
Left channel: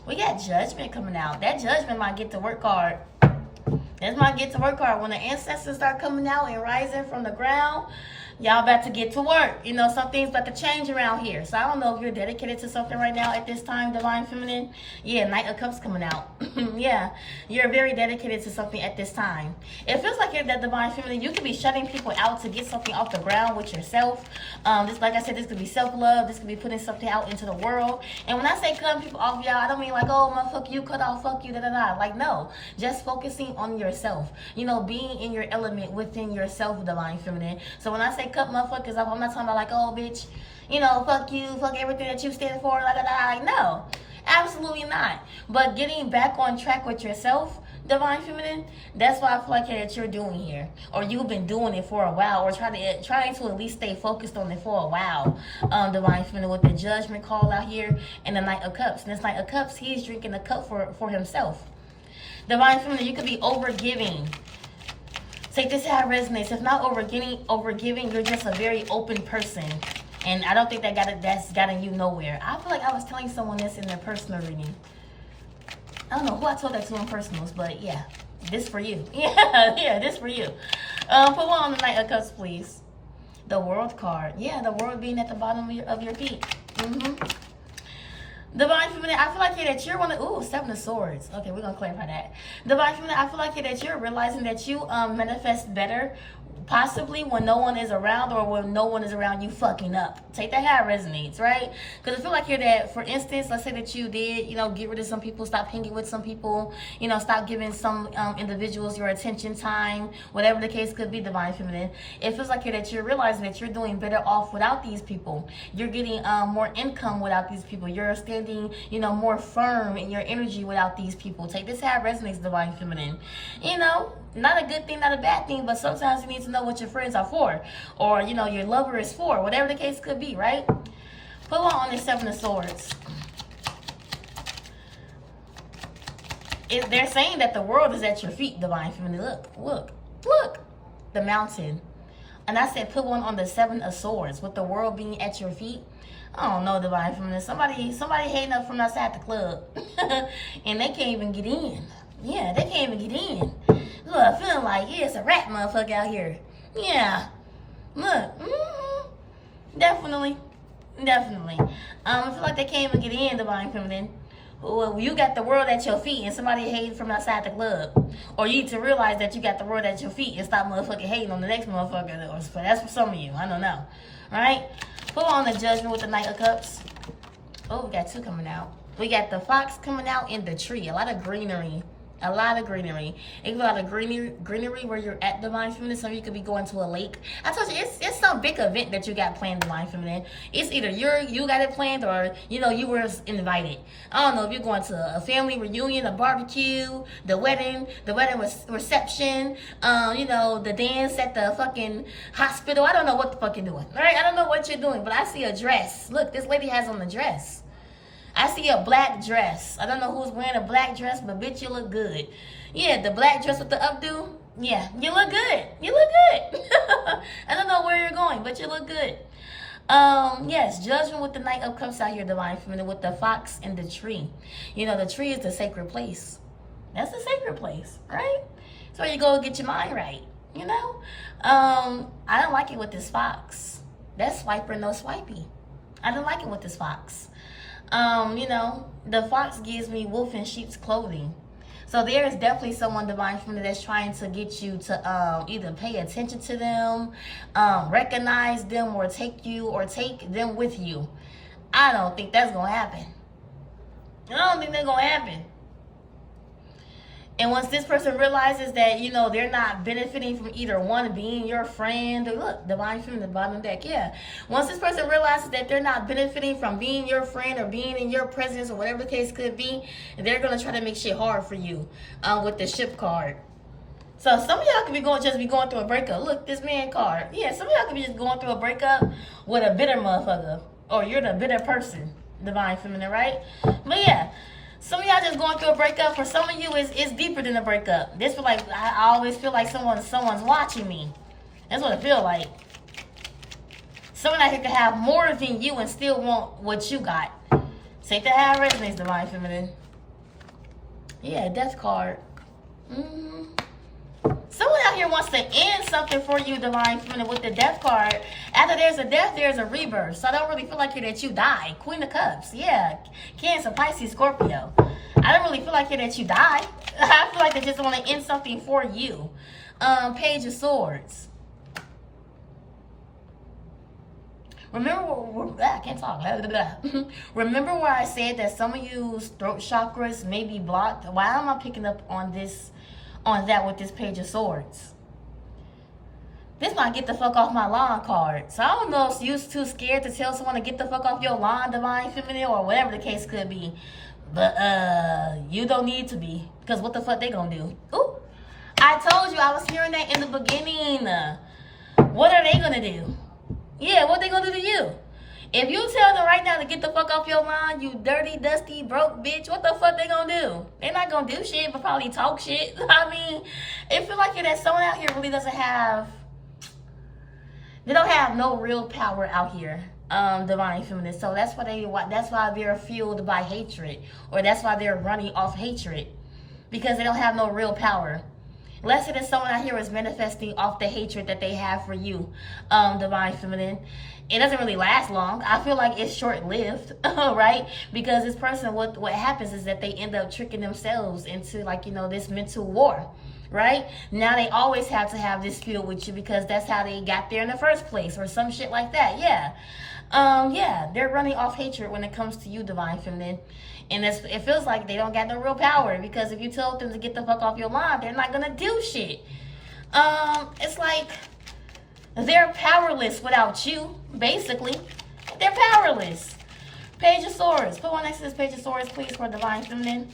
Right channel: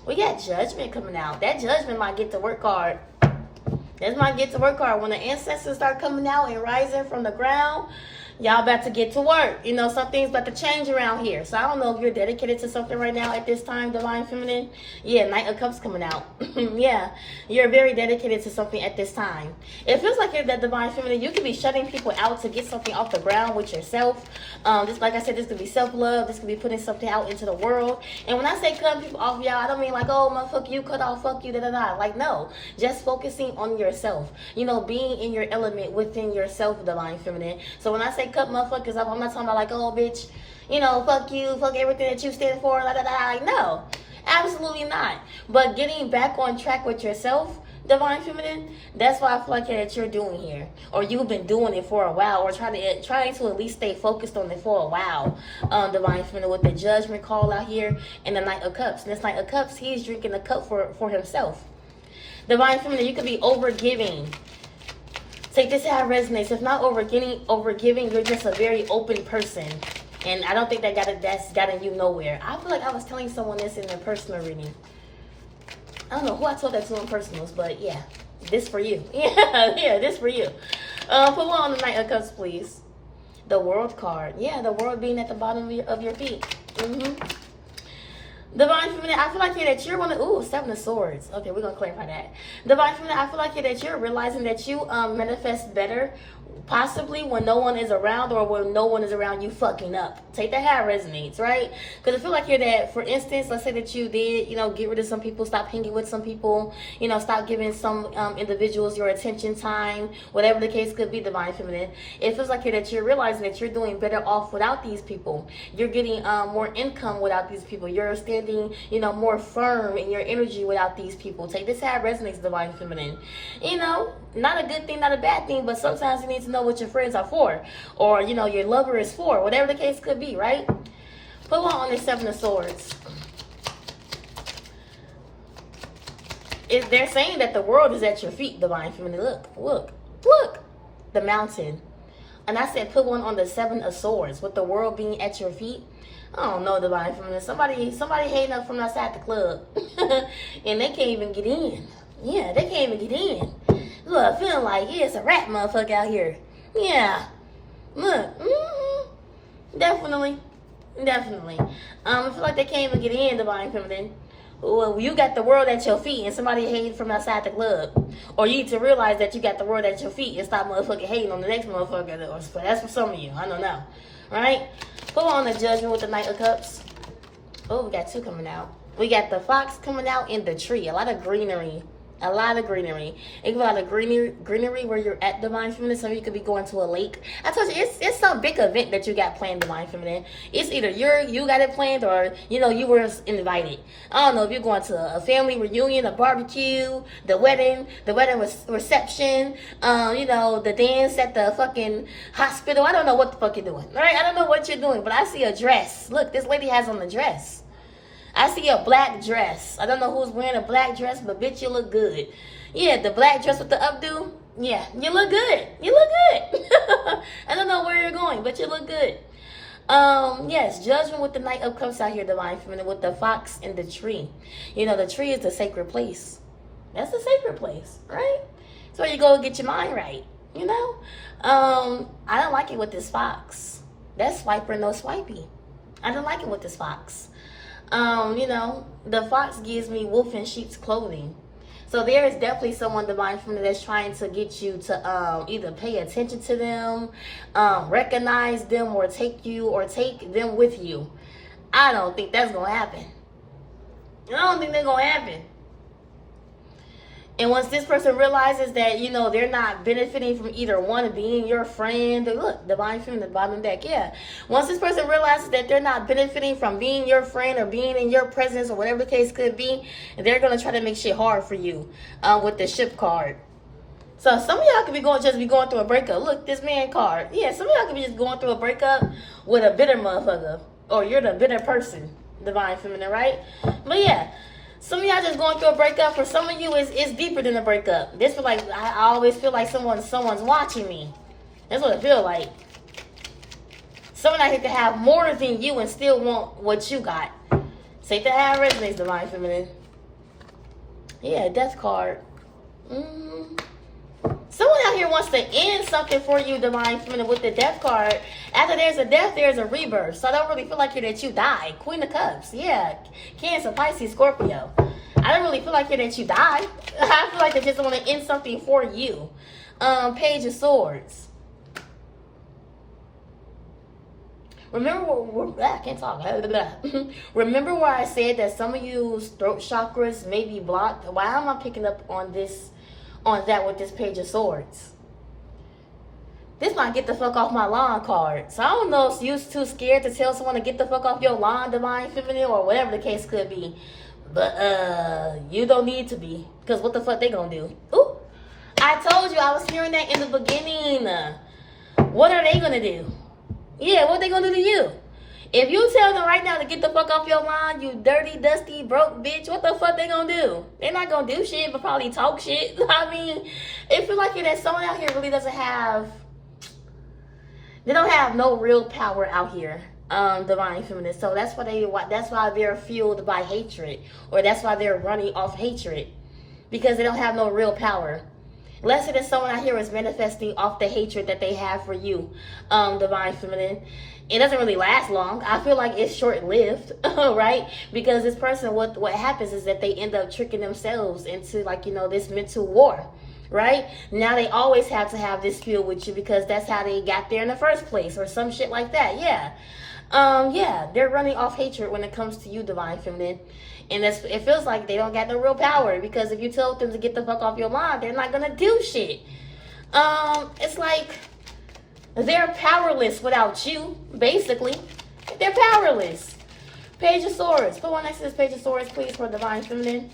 We got Judgment coming out. That Judgment might get to work card. That's my get to work card. When the ancestors start coming out and rising from the ground, y'all about to get to work. You know, some things about to change around here. So I don't know if you're dedicated to something right now at this time, Divine Feminine. Yeah, Knight of Cups coming out. Yeah, you're very dedicated to something at this time. It feels like you're that Divine Feminine. You could be shutting people out to get something off the ground with yourself. Just like I said, this could be self-love. This could be putting something out into the world. And when I say cutting people off, y'all, I don't mean like, oh, motherfucker, you cut off, fuck you, da-da-da. Like, no. Just focusing on yourself. You know, being in your element within yourself, Divine Feminine. So when I say cut motherfuckers off, I'm not talking about like, oh, bitch, you know, fuck you, fuck everything that you stand for, la da da. Like, no, absolutely not. But getting back on track with yourself, Divine Feminine, that's what I feel like that you're doing here, or you've been doing it for a while, or trying to at least stay focused on it for a while. Divine Feminine, with the Judgment call out here and the Knight of Cups. And this Knight of Cups, he's drinking the cup for himself. Divine Feminine, you could be overgiving. Take this how it resonates. If not overgiving, you're just a very open person. And I don't think that's gotten you nowhere. I feel like I was telling someone this in their personal reading. I don't know who I told that to in personals, but yeah, this for you. Yeah, this for you. Put one on the Knight of Cups, please. The World card. Yeah, the World being at the bottom of your feet. Divine Feminine, I feel like that you're one of, ooh, Seven of Swords. Okay, we're going to clarify that. Divine Feminine, I feel like that you're realizing that you manifest better, possibly when no one is around, or when no one is around you fucking up. Take that how it resonates, right? Because I feel like you're that, for instance, let's say that you did, you know, get rid of some people, stop hanging with some people, you know, stop giving some individuals your attention, time, whatever the case could be, Divine Feminine. It feels like that you're realizing that you're doing better off without these people. You're getting more income without these people. You're standing, you know, more firm in your energy without these people. Take this how it resonates, Divine Feminine. You know, not a good thing, not a bad thing, but sometimes you need to know what your friends are for, or, you know, your lover is for, whatever the case could be, right? Put one on the Seven of Swords. They're saying that the world is at your feet, Divine Feminine. Look. The mountain. And I said put one on the Seven of Swords with the world being at your feet. I don't know, Divine Feminine. Somebody hating up from outside the club. And they can't even get in. Yeah, they can't even get in. Look, feeling like, yeah, it's a rat motherfucker out here. Yeah. Look. Definitely. I feel like they can't even get in, Divine Feminine. Well, you got the world at your feet and somebody hating from outside the club. Or you need to realize that you got the world at your feet and stop motherfucking hating on the next motherfucker. But that's for some of you. I don't know. Right? Put on the Judgment with the Knight of Cups. Oh, we got two coming out. We got the fox coming out in the tree. A lot of greenery. It could be a lot of greenery where you're at, Divine Feminine. Some of you could be going to a lake. I told you, it's some big event that you got planned, Divine Feminine. It's either you got it planned or, you were invited. I don't know if you're going to a family reunion, a barbecue, the wedding reception, the dance at the fucking hospital. I don't know what the fuck you're doing, right? I don't know what you're doing, but I see a dress. Look, this lady has on a dress. I see a black dress. I don't know who's wearing a black dress, but bitch, you look good. Yeah, the black dress with the updo. Yeah, you look good. I don't know where you're going, but you look good. Yes, Judgment with the Knight of Cups out here, Divine Feminine, with the fox and the tree. The tree is the sacred place. That's the sacred place, right? It's where you go get your mind right, I don't like it with this fox. That's swiper, no swipey. I don't like it with this fox. The fox gives me wolf in sheep's clothing. So there is definitely someone, Divine Feminine, that's trying to get you to either pay attention to them, recognize them, or take them with you. I don't think that's going to happen. I don't think that's going to happen. And once this person realizes that, they're not benefiting from either one being your friend, or look, Divine Feminine, the bottom deck, yeah. Once this person realizes that they're not benefiting from being your friend or being in your presence or whatever the case could be, they're going to try to make shit hard for you with the Ship card. So some of y'all could be going through a breakup. Look, this man card. Yeah, some of y'all could be just going through a breakup with a bitter motherfucker. Or you're the bitter person, Divine Feminine, right? But yeah. Some of y'all just going through a breakup. For some of you, it's deeper than a breakup. This feel like I always feel like someone's watching me. That's what it feel like. Someone out here to have more than you and still want what you got. Say to have resonates, Divine Feminine. Yeah, Death card. Someone out here wants to end something for you, Divine Feminine, with the Death card. After there's a death, there's a rebirth. So I don't really feel like here that you die. Queen of Cups. Yeah. Cancer, Pisces, Scorpio. I don't really feel like here that you die. I feel like I just want to end something for you. Page of Swords. Remember, I can't talk. Remember where I said that some of you's throat chakras may be blocked? Why am I picking up on that with this Page of Swords? This might get the fuck off my lawn card. So I don't know if you're too scared to tell someone to get the fuck off your lawn, Divine Feminine, or whatever the case could be. But you don't need to be. Because what the fuck they gonna do? Ooh, I told you, I was hearing that in the beginning. What are they gonna do? Yeah, what they gonna do to you? If you tell them right now to get the fuck off your lawn, you dirty, dusty, broke bitch, what the fuck they gonna do? They're not gonna do shit, but probably talk shit. I mean, it feel like that someone out here really doesn't have, they don't have no real power out here, Divine Feminine. So that's why they're fueled by hatred, or that's why they're running off hatred, because they don't have no real power. Let's say that someone out here is manifesting off the hatred that they have for you, Divine Feminine. It doesn't really last long. I feel like it's short-lived, right? Because this person, what happens is that they end up tricking themselves into this mental war, right? Now they always have to have this feel with you because that's how they got there in the first place, or some shit like that. Yeah. Yeah, they're running off hatred when it comes to you, Divine Feminine. And it feels like they don't got no real power, because if you tell them to get the fuck off your lawn, they're not gonna do shit. It's like they're powerless without you, basically. They're powerless. Page of Swords. Put one next to this Page of Swords, please, for Divine Feminine.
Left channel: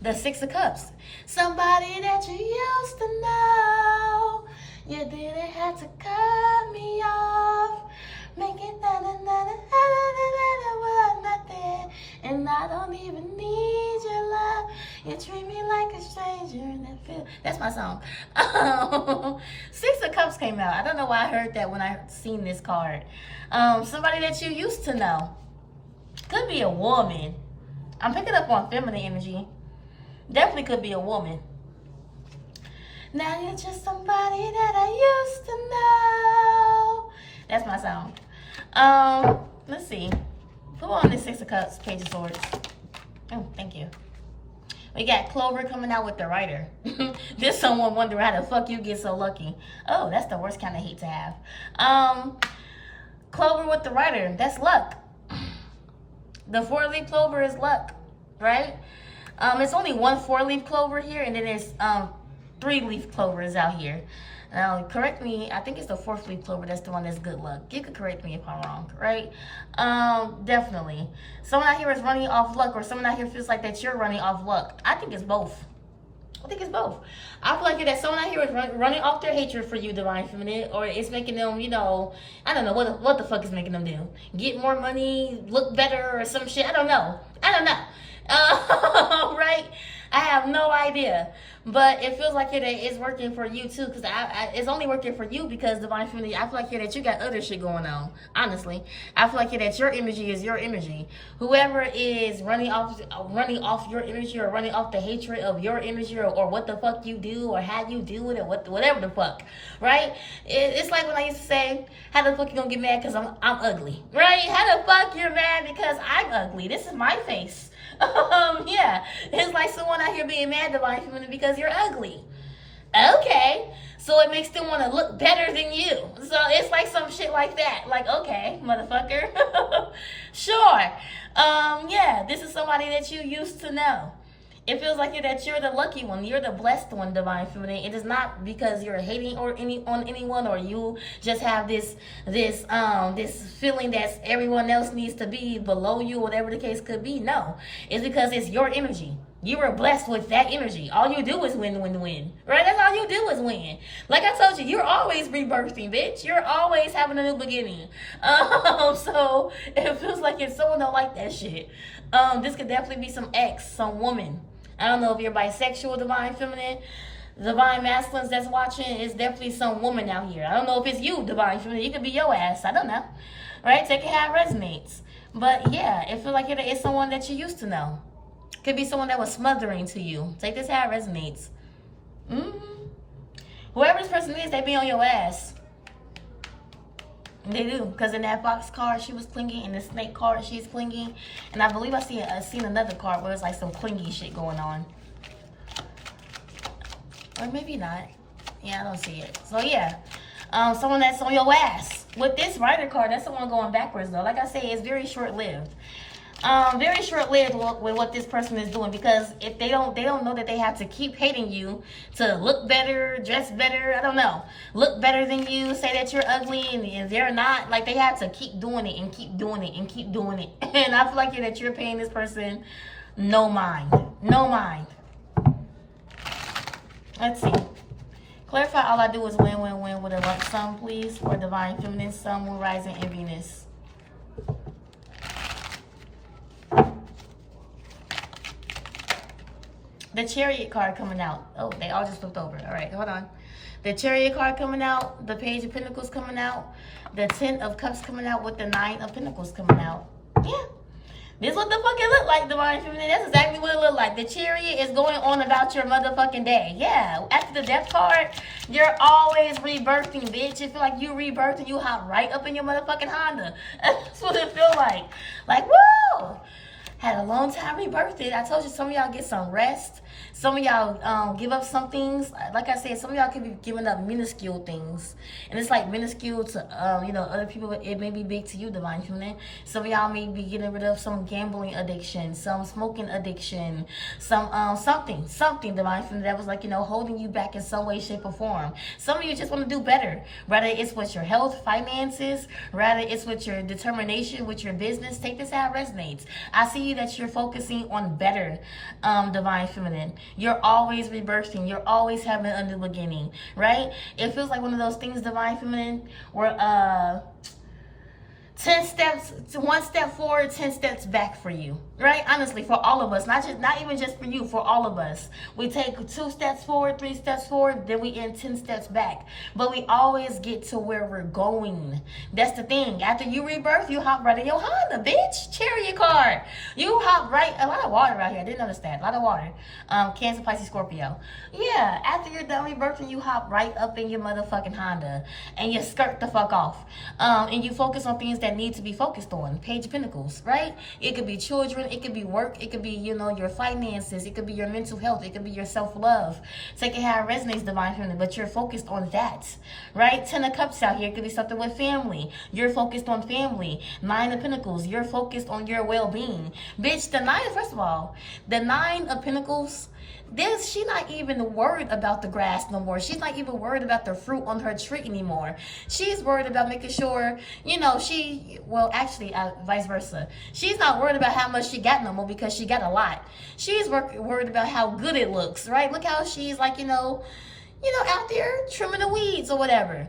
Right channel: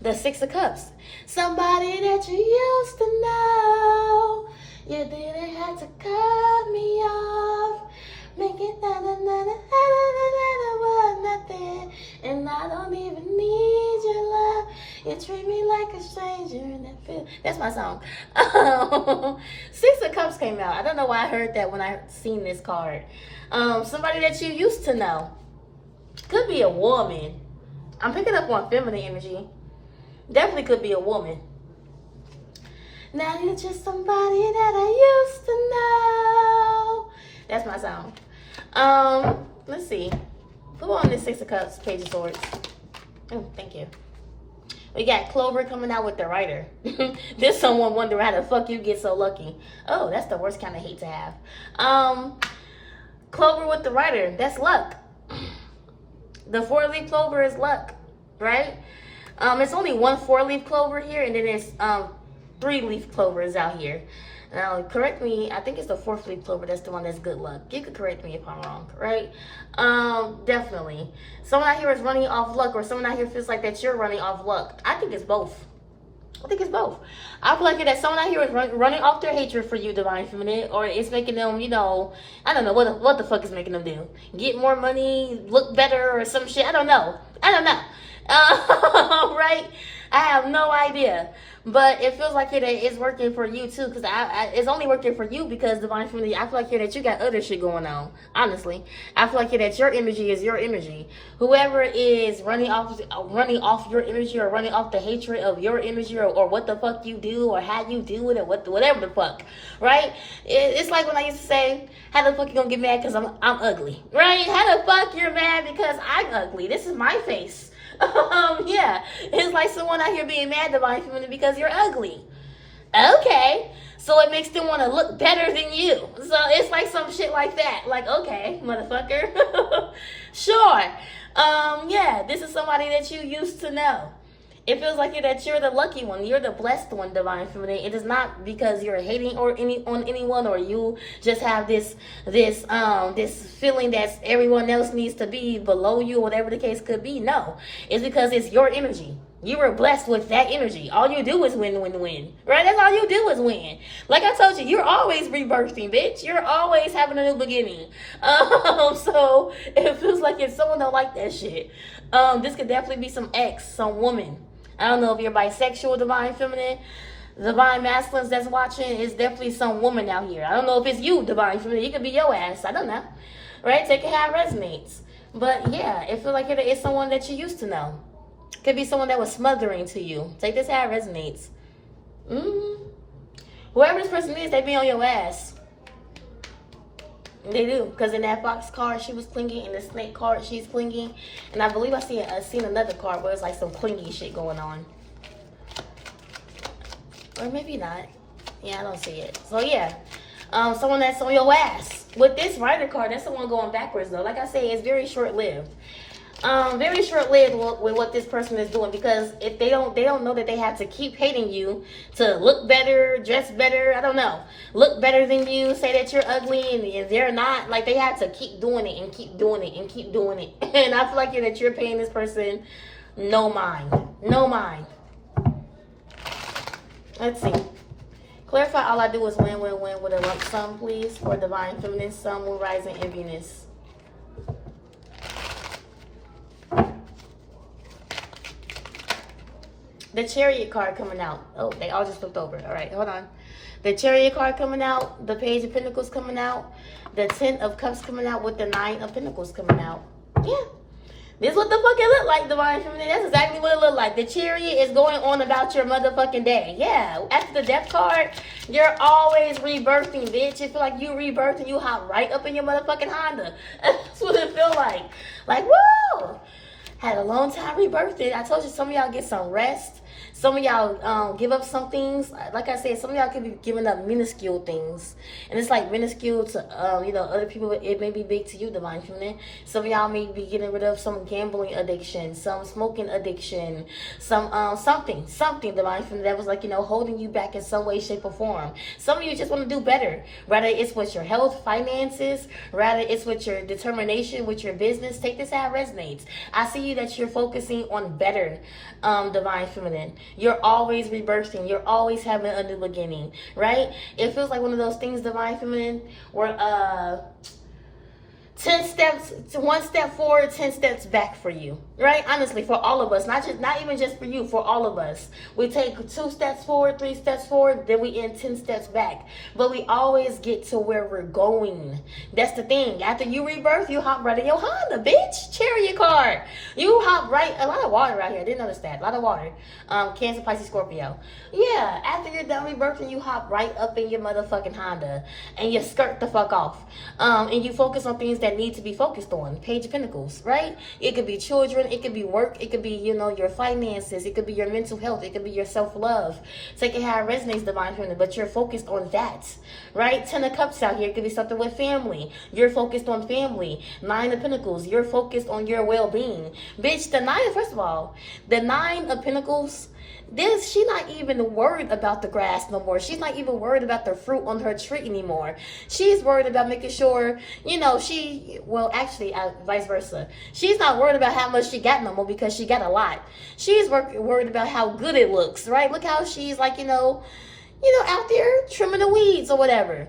The Six of Cups. Somebody that you used to know. You didn't have to cut me off. You treat me like a stranger and that feel. That's my song. Six of Cups came out. I don't know why I heard that when I seen this card. Somebody that you used to know. Could be a woman. I'm picking up on feminine energy. Definitely could be a woman. Now you're just somebody that I used to know. That's my song. Let's see. Who on this Six of Cups, Page of Swords? Thank you. We got Clover coming out with the Rider. There's someone wondering how the fuck you get so lucky. Oh, that's the worst kind of hate to have. Clover with the Rider. That's luck. The 4-leaf clover is luck, right? It's only one 4-leaf clover here, and then there's 3-leaf clovers out here. Now, correct me, I think it's the 4th-leaf clover that's the one that's good luck. You could correct me if I'm wrong, right? Definitely. Someone out here is running off luck, or someone out here feels like that you're running off luck. I think it's both. I think it's both. I feel like that someone out here is running off their hatred for you, Divine Feminine, or it's making them, you know, I don't know what the fuck is making them do. Get more money, look better, or some shit. I don't know. Right? I have no idea. But it feels like it is working for you too, because it's only working for you because Divine Feminine, I feel like that you got other shit going on. Honestly, I feel like that your energy is your energy. Whoever is running off your energy, or running off the hatred of your energy, or what the fuck you do, or how you do it, or whatever the fuck, right? It's like when I used to say, how the fuck you gonna get mad because I'm ugly, right? How the fuck you're mad because I'm ugly? This is my face. Yeah, it's like someone out here being mad Divine Feminine because you're ugly. Okay, so it makes them want to look better than you. So it's like some shit like that. Like, okay, motherfucker. Sure. Yeah, this is somebody that you used to know. It feels like that you're the lucky one. You're the blessed one, Divine Feminine. It is not because you're hating on anyone, or you just have this feeling that everyone else needs to be below you, whatever the case could be. No, it's because it's your energy. You were blessed with that energy. All you do is win, win, win. Right? That's all you do is win. Like I told you, you're always rebirthing, bitch. You're always having a new beginning. So it feels like if someone don't like that shit, this could definitely be some ex, some woman. I don't know if you're bisexual, Divine Feminine, Divine Masculines that's watching. It's definitely some woman out here. I don't know if it's you, Divine Feminine. It could be your ass. I don't know. Right? Take it how it resonates. But yeah, it feels like it's someone that you used to know. Could be someone that was smothering to you. Take this how it resonates. Whoever this person is, they be on your ass. They do, because in that fox card she was clinging, in the snake card she's clinging, and I believe I seen another card where it's like some clingy shit going on, or maybe not. Yeah, I don't see it. So yeah, someone that's on your ass. With this Rider card, that's someone going backwards though. Like I say, it's very short-lived. Very short-lived with what this person is doing, because if they don't know that they have to keep hating you to look better, dress better, I don't know, look better than you, say that you're ugly, and they're not, like, they have to keep doing it and keep doing it and keep doing it. And I feel like that you're paying this person no mind. Let's see. Clarify all I do is win, win, win with a lump sum, please, for Divine Feminine, Sun, Moon, Rising, and Venus. The Chariot card coming out. Oh, they all just flipped over. All right, hold on. The Chariot card coming out. The Page of Pentacles coming out. The 10 of Cups coming out with the 9 of Pentacles coming out. Yeah. This is what the fuck it look like, Divine Feminine. That's exactly what it look like. The Chariot is going on about your motherfucking day. Yeah. After the Death card, you're always rebirthing, bitch. It feel like you rebirthed and you hop right up in your motherfucking Honda. That's what it feel like. Like, woo! Had a long time rebirthing. I told you some of y'all get some rest. Some of y'all give up some things. Like I said, some of y'all could be giving up minuscule things. And it's like minuscule to, other people. It may be big to you, Divine Feminine. Some of y'all may be getting rid of some gambling addiction, some smoking addiction, some something, Divine Feminine, that was like, holding you back in some way, shape, or form. Some of you just want to do better. Rather it's with your health, finances, rather it's with your determination, with your business. Take this how it resonates. I see you that you're focusing on better, Divine Feminine. You're always rebirthing. You're always having a new beginning, right? It feels like one of those things, Divine Feminine, where 10 steps, 1 step forward, 10 steps back for you, right? Honestly, for all of us, not even just for you, for all of us. We take 2 steps forward, 3 steps forward, then we end 10 steps back. But we always get to where we're going. That's the thing. After you rebirth, you hop right in your Honda, bitch. Chariot card. You hop right, a lot of water right here. I didn't notice that. A lot of water. Cancer, Pisces, Scorpio. Yeah, after you're done rebirthing, you hop right up in your motherfucking Honda and you skirt the fuck off. And you focus on things that need to be focused on. Page of Pentacles, right? It could be children, it could be work, it could be, your finances, it could be your mental health, it could be your self-love. Take it how it resonates, divine feminine, but you're focused on that, right? 10 of Cups out here, it could be something with family. You're focused on family. 9 of Pentacles, you're focused on your well-being. Bitch, first of all, the 9 of Pentacles, she's not even worried about the grass no more. She's not even worried about the fruit on her tree anymore. She's worried about making sure, vice versa. She's not worried about how much she got no more because she got a lot. She's worried about how good it looks, right? Look how she's like, out there trimming the weeds or whatever.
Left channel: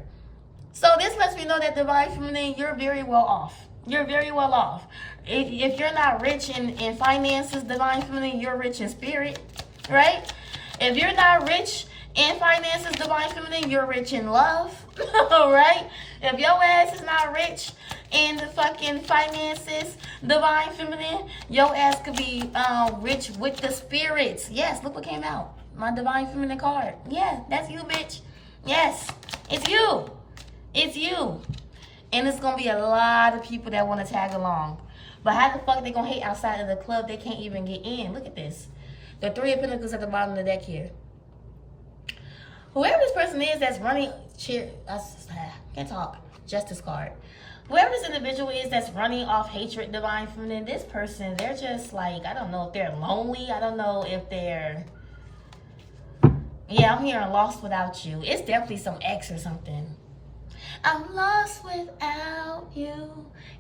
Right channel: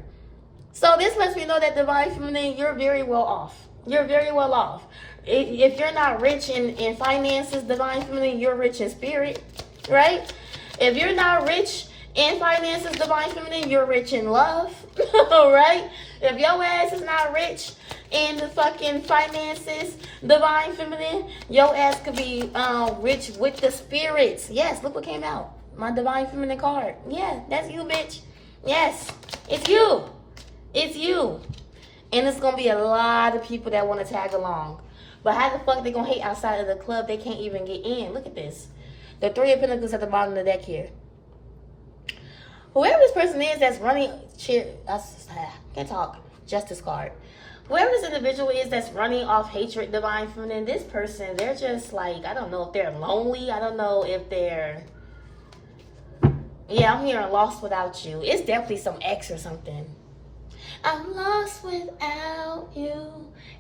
So this lets me know that divine feminine, you're very well off. You're very well off. If you're not rich in finances, divine feminine, you're rich in spirit. Right? If you're not rich in finances, divine feminine, you're rich in love. Right? If your ass is not rich in the fucking finances, divine feminine, your ass could be rich with the spirits. Yes, look what came out. My divine feminine card. Yeah, that's you, bitch. Yes, it's you. It's you. And it's going to be a lot of people that want to tag along. But how the fuck they going to hate outside of the club? They can't even get in. Look at this. The 3 of Pentacles at the bottom of the deck here. Whoever this person is that's running, can't talk, Justice card. Whoever this individual is that's running off hatred, divine feminine, this person, they're just like, I don't know if they're lonely. I don't know if they're, I'm hearing lost without you. It's definitely some ex or something. I'm lost without you,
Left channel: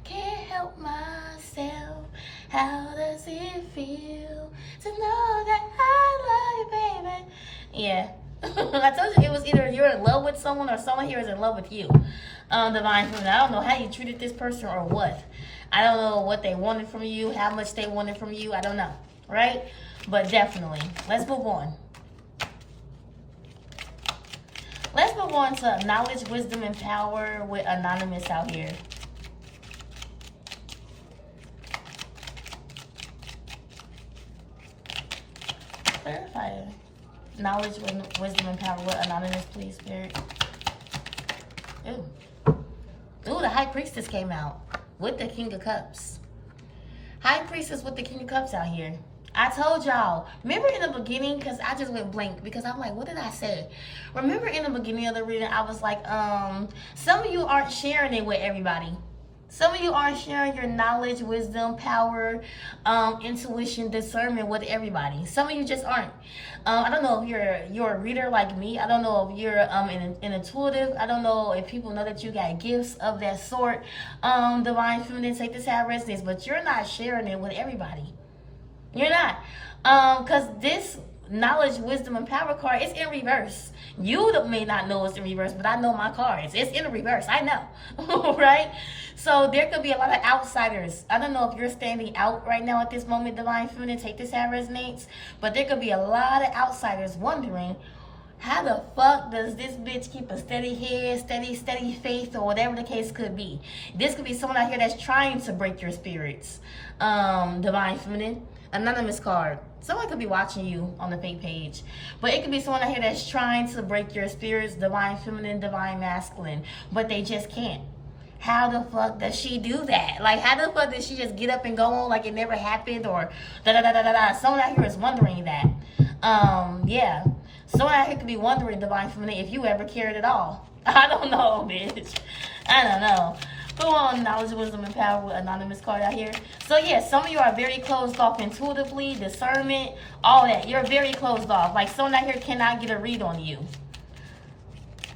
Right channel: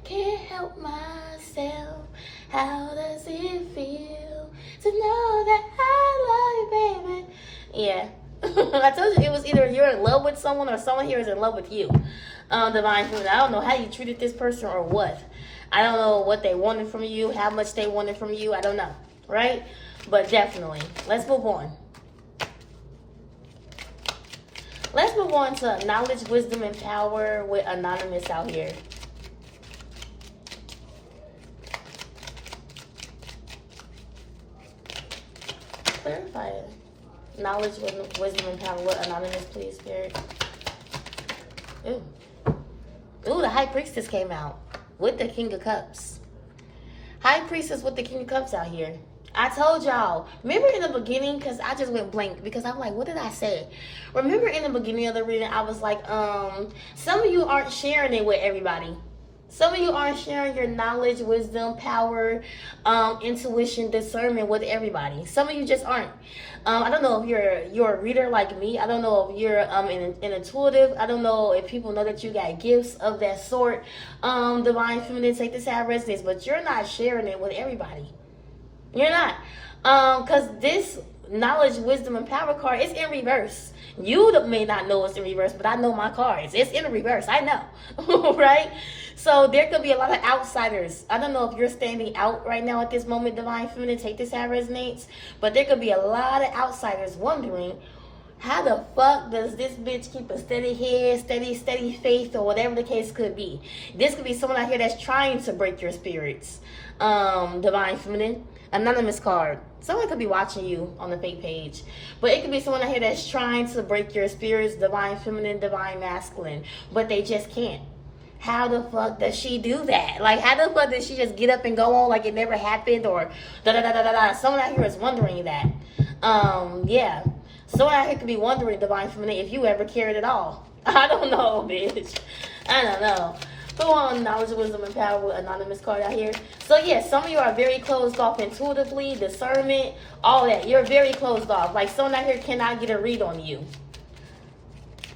can't help myself. How does it feel to know that I love you, baby? Yeah. I told you it was either you're in love with someone or someone here is in love with you. Divine feminine. I don't know how you treated this person or what. I don't know what they wanted from you, how much they wanted from you. I don't know. Right? But definitely. Let's move on. Let's move on to knowledge, wisdom, and power with Anonymous out here. Clarify it. Knowledge, wisdom, and power with Anonymous, please, Spirit. Ooh. Ooh, the High Priestess came out with the King of Cups. High Priestess with the King of Cups out here. I told y'all, remember in the beginning, because I just went blank, because I'm like, what did I say? Remember in the beginning of the reading, I was like, some of you aren't sharing it with everybody. Some of you aren't sharing your knowledge, wisdom, power, intuition, discernment with everybody. Some of you just aren't. I don't know if you're a reader like me. I don't know if you're an intuitive. I don't know if people know that you got gifts of that sort. Divine feminine, take this how it resonates, but you're not sharing it with everybody. You're not. Because this knowledge, wisdom, and power card is in reverse. You may not know it's in reverse, but I know my cards. It's in reverse. I know. Right? So there could be a lot of outsiders. I don't know if you're standing out right now at this moment, divine feminine. Take this how it resonates. But there could be a lot of outsiders wondering, how the fuck does this bitch keep a steady head, steady faith, or whatever the case could be? This could be someone out here that's trying to break your spirits. Divine feminine. Anonymous card. Someone could be watching you on the fake page. But it could be someone out here that's trying to break your spirits, divine feminine, divine masculine. But they just can't. How the fuck does she do that? Like, how the fuck does she just get up and go on like it never happened? Or da-da-da-da-da-da. Someone out here is wondering that. Yeah. Someone out here could be wondering, divine feminine, if you ever cared at all. I don't know, bitch. I don't know. Go on, knowledge, wisdom, and power with Anonymous card out here. So, yeah, some of you are very closed off intuitively, discernment, all that. You're very closed off. Like, someone out here cannot get a read on you.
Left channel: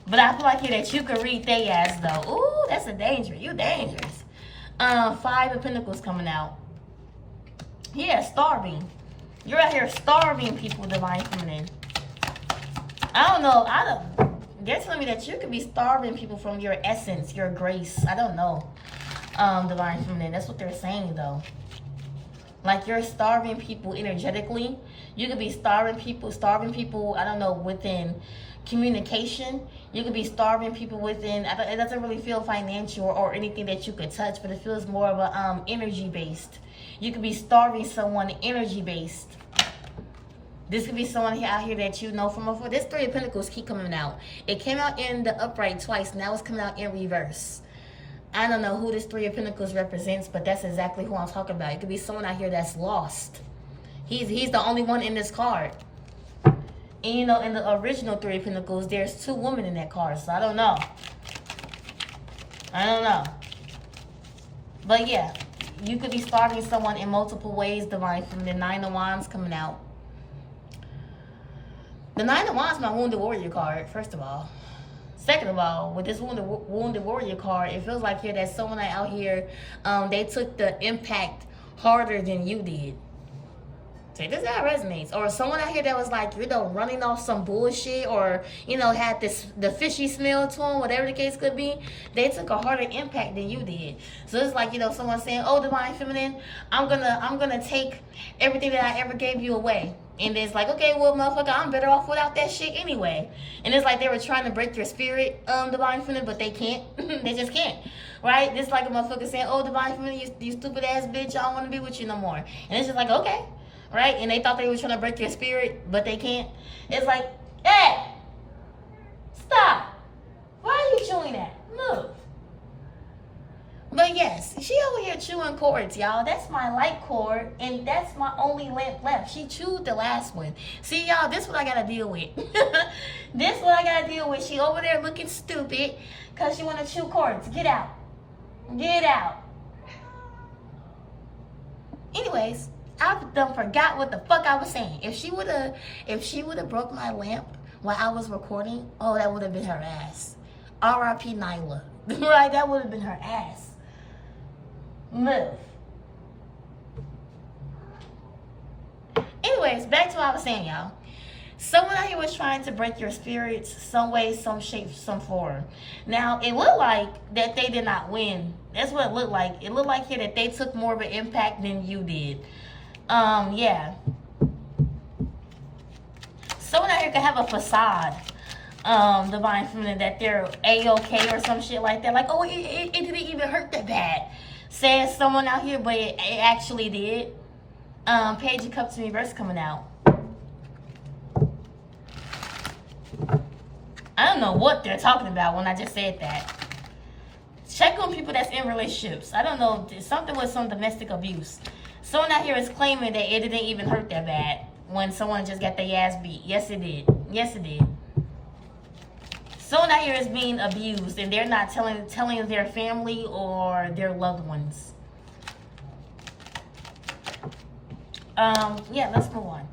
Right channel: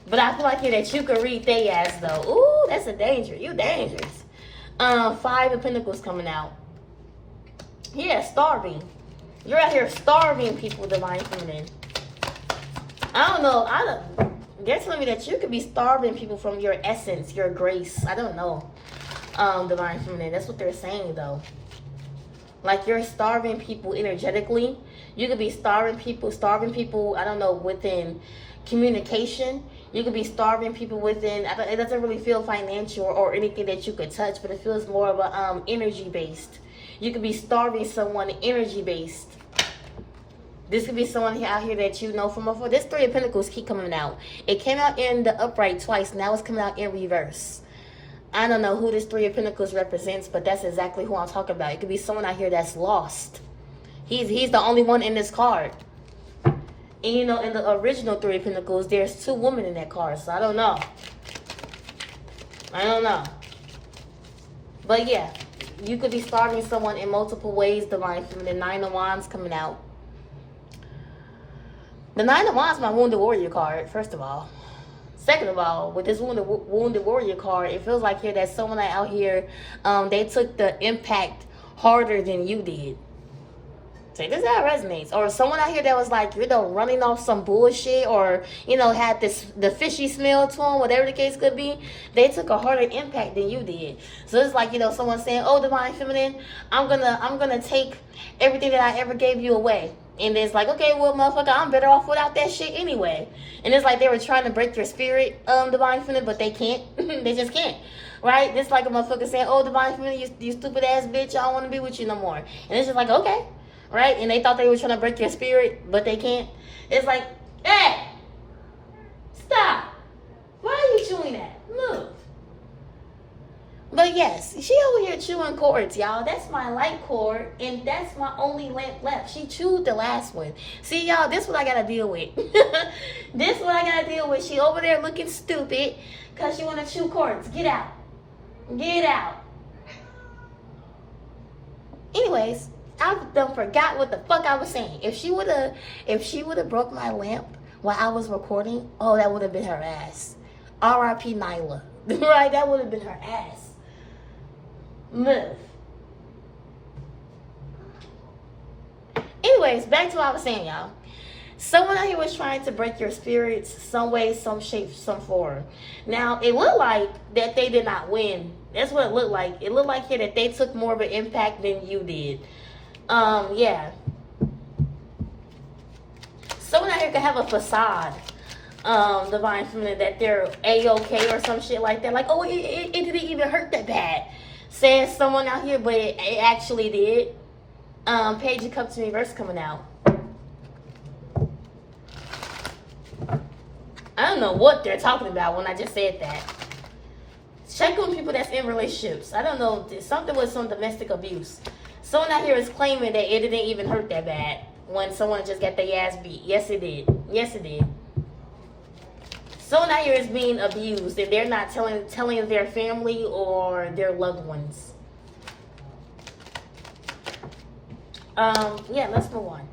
But I feel like here that you can read they ass, though. Ooh, that's a danger. You dangerous. 5 of Pentacles coming out. Yeah, starving. You're out here starving people, divine feminine. I don't know. They're telling me that you could be starving people from your essence, your grace. I don't know. Divine Feminine. That's what they're saying, though. Like, you're starving people energetically. You could be starving people, I don't know, within communication. You could be starving people within, it doesn't really feel financial or anything that you could touch, but it feels more of a energy-based. You could be starving someone energy-based. This could be someone out here that you know from before. This Three of Pentacles keep coming out. It came out in the upright twice. Now it's coming out in reverse. I don't know who this Three of Pentacles represents, but that's exactly who I'm talking about. It could be someone out here that's lost. He's the only one in this card. And you know, in the original Three of Pentacles, there's 2 women in that card. So I don't know. But yeah, you could be starving someone in multiple ways, Divine Feminine. 9 of Wands coming out. The 9 of Wands is my Wounded Warrior card, first of all. Second of all, with this Wounded Warrior card, it feels like here that someone out here, they took the impact harder than you did. So this is how it resonates. Or someone out here that was like, you know, running off some bullshit, or, you know, had the fishy smell to them, whatever the case could be. They took a harder impact than you did. So it's like, you know, someone saying, oh, Divine Feminine, I'm gonna take everything that I ever gave you away. And it's like, okay, well, motherfucker, I'm better off without that shit anyway. And it's like they were trying to break your spirit, Divine Feminine, but they can't. They just can't. Right? It's like a motherfucker saying, oh, Divine Feminine, you stupid ass bitch, I don't want to be with you no more. And it's just like, okay. Right? And they thought they were trying to break your spirit, but they can't. It's like, hey, stop. Why are you chewing that? Move. But yes, she over here chewing cords, y'all. That's my light cord, and that's my only lamp left. She chewed the last one. See, y'all, this is what I gotta deal with. This is what I gotta deal with. She over there looking stupid because she wanna chew cords. Get out. Get out. Anyways, I done forgot what the fuck I was saying. If she would've broke my lamp while I was recording, oh, that would have been her ass. R.I.P. Nyla. Right? That would have been her ass. Move. Anyways, back to what I was saying, y'all. Someone out here was trying to break your spirits some way, some shape, some form. Now, it looked like that they did not win. That's what it looked like. It looked like here that they took more of an impact than you did. Yeah. Someone out here could have a facade, Divine Feminine, that they're A-okay or some shit like that. Like, oh, it didn't even hurt that bad. Says someone out here, but it actually did. Page of Cups in reverse coming out. I don't know what they're talking about when I just said that. Check on people that's in relationships. I don't know, something with some domestic abuse. Someone out here is claiming that it didn't even hurt that bad when someone just got their ass beat. Yes, it did. Yes, it did. Someone out here is being abused, and they're not telling their family or their loved ones. Yeah, let's move on.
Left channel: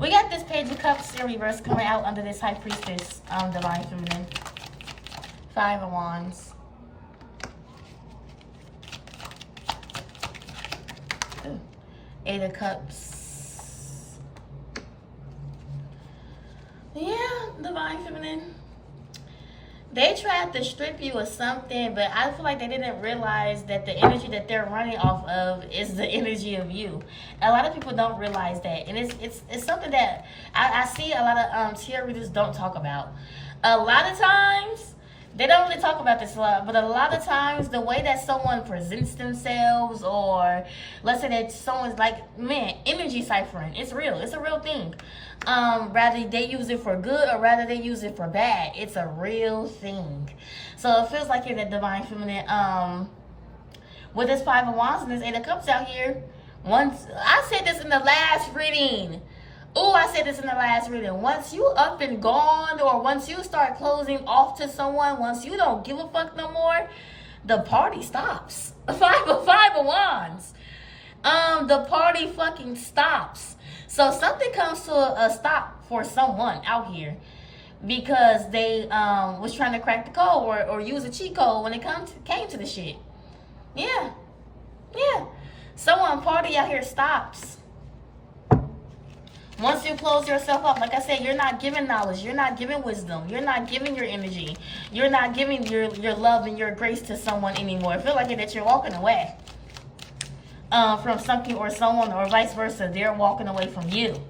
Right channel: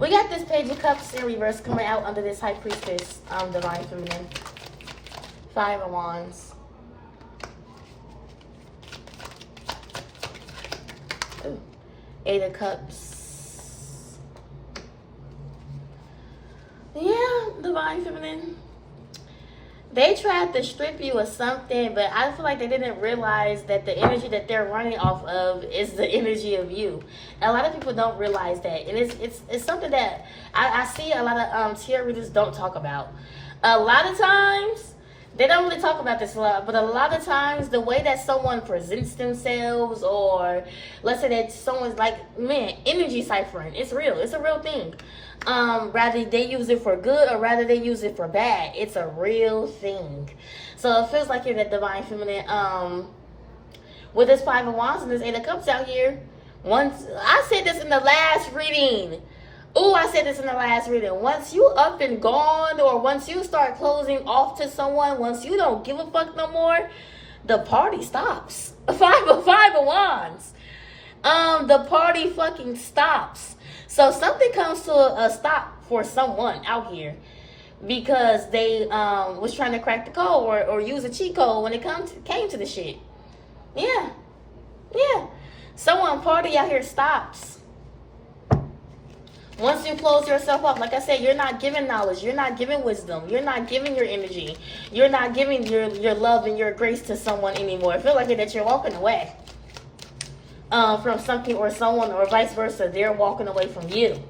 We got this Page of Cups in reverse coming out under this High Priestess, Divine Feminine. 5 of Wands. Ooh. 8 of Cups. Yeah, Divine Feminine. They tried to strip you of something, but I feel like they didn't realize that the energy that they're running off of is the energy of you. A lot of people don't realize that, and it's something that I see a lot of tarot readers don't talk about. A lot of times they don't really talk about this a lot, but a lot of times the way that someone presents themselves, or let's say that someone's like, man, energy ciphering, it's real. It's a real thing. Rather they use it for good or rather they use it for bad, it's a real thing. So it feels like you're that Divine Feminine. With this 5 of Wands and this 8 of Cups out here, once I said this in the last reading. Oh, I said this in the last reading. Once you up and gone, or once you start closing off to someone, once you don't give a fuck no more, the party stops. 5 of Wands. The party fucking stops. So something comes to a stop for someone out here because they was trying to crack the code or use a cheat code when it came to the shit. Yeah. Yeah. Someone party out here stops. Once you close yourself up, like I said, you're not giving knowledge, you're not giving wisdom, you're not giving your energy, you're not giving your love and your grace to someone anymore. I feel like that you're walking away from something or someone, or vice versa. They're walking away from you,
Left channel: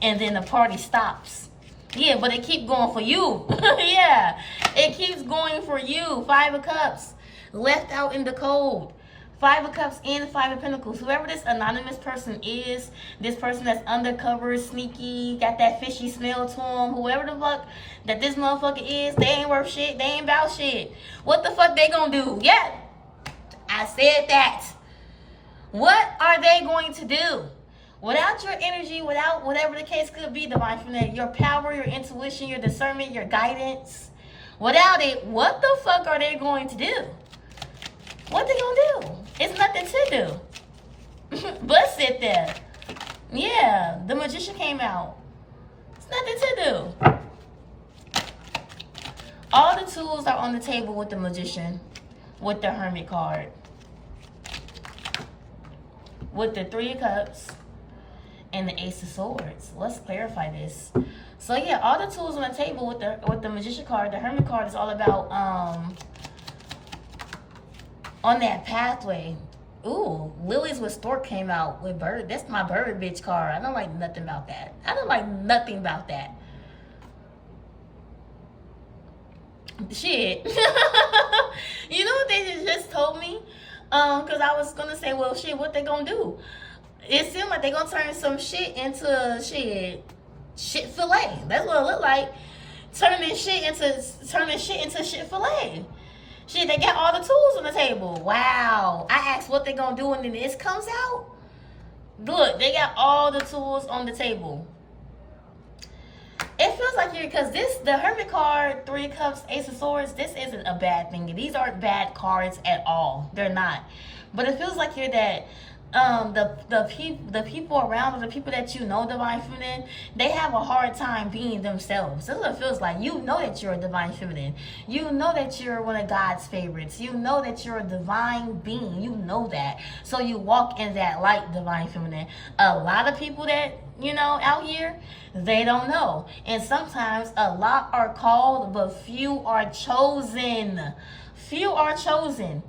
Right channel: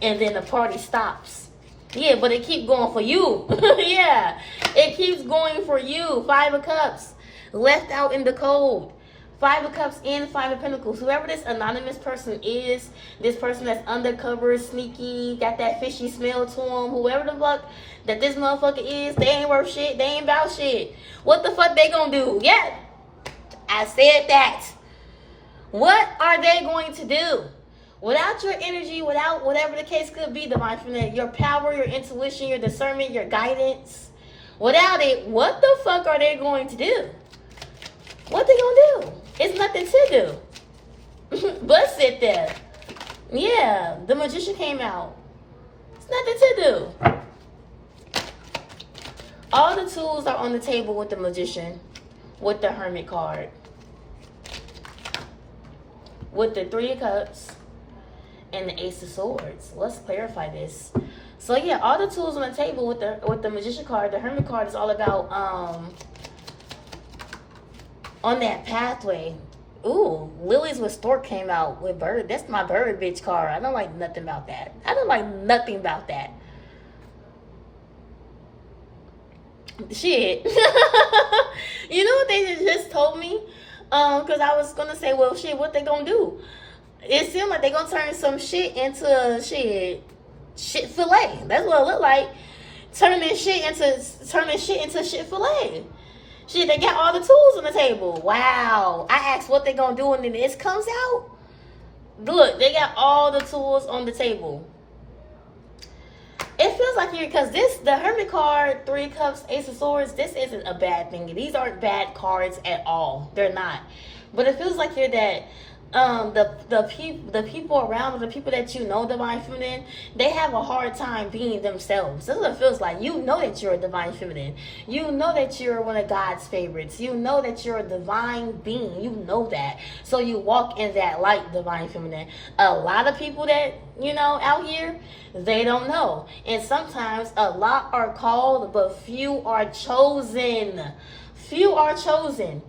and then the party stops. Yeah, but it keeps going for you. Yeah, it keeps going for you. 5 of Cups left out in the cold. 5 of Cups and 5 of Pentacles. Whoever this anonymous person is, this person that's undercover, sneaky, got that fishy smell to them, whoever the fuck that this motherfucker is, they ain't worth shit. They ain't about shit. What the fuck they gonna do? Yeah, I said that. What are they going to do? Without your energy, without whatever the case could be, Divine Feminine, your power, your intuition, your discernment, your guidance, without it, what the fuck are they going to do? What they gonna do? It's nothing to do. But sit there. Yeah, the Magician came out. It's nothing to do. All the tools are on the table with the Magician, with the Hermit card, with the 3 of Cups, and the Ace of Swords. Let's clarify this. So yeah, all the tools on the table with the Magician card. The Hermit card is all about on that pathway. Ooh, Lilies with Stork came out with Bird. That's my Bird bitch card. I don't like nothing about that. I don't like nothing about that. Shit. You know what they just told me? Because I was gonna say, well, shit, what they gonna do? It seemed like they gonna turn some shit into shit fillet. That's what it look like. Turning shit into shit fillet. Shit, they got all the tools on the table. Wow. I asked what they gonna do, and then this comes out. Look, they got all the tools on the table. It feels like because the Hermit card, 3 of Cups, Ace of Swords, this isn't a bad thing. These aren't bad cards at all. They're not. But it feels like that the people around, the people that you know, Divine Feminine, they have a hard time being themselves. This is what it feels like. You know that you're a Divine Feminine. You know that you're one of God's favorites. You know that you're a divine being. You know that. So you walk in that light, Divine Feminine. A lot of people that, you know, out here, they don't know. And sometimes a lot are called, but few are chosen. Few are chosen.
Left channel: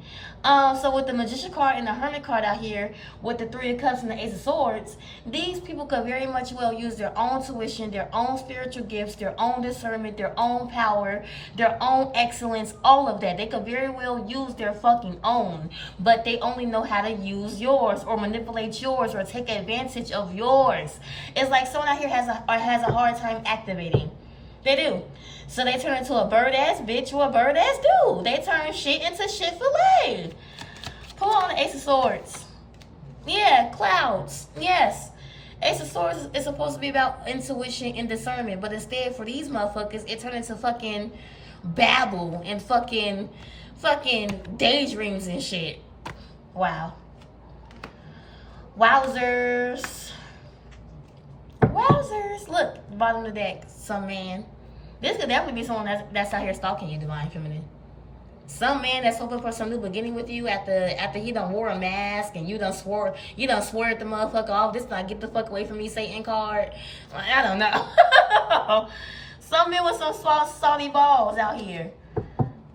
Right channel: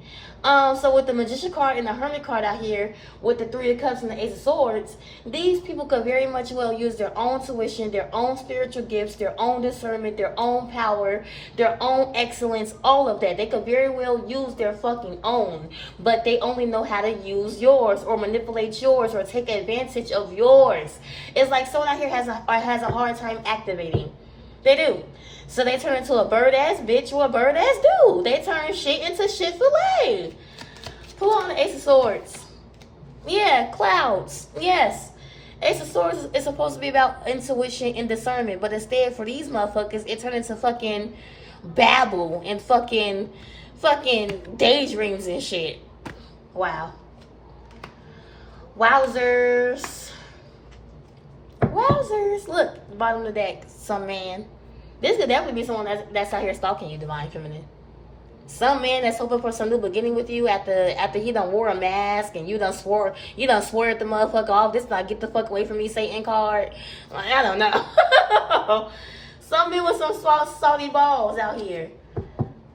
So with the Magician card and the Hermit card out here, with the 3 of Cups and the Ace of Swords, these people could very much well use their own tuition, their own spiritual gifts, their own discernment, their own power, their own excellence, all of that. They could very well use their fucking own, but they only know how to use yours or manipulate yours or take advantage of yours. It's like someone out here has a hard time activating. They do. So they turn into a bird-ass bitch or a bird-ass dude. They turn shit into shit fillet. Pull on the Ace of Swords. Yeah, clouds. Yes. Ace of Swords is supposed to be about intuition and discernment. But instead, for these motherfuckers, it turned into fucking babble and fucking daydreams and shit. Wow. Wowzers. Wowzers. Look, the bottom of the deck. Some man. This could definitely be someone that's out here stalking you, Divine Feminine. Some man that's hoping for some new beginning with you after he done wore a mask and you done swore at the motherfucker off. This not get the fuck away from me, Satan card. Like, I don't know. Some man with some salty balls out here.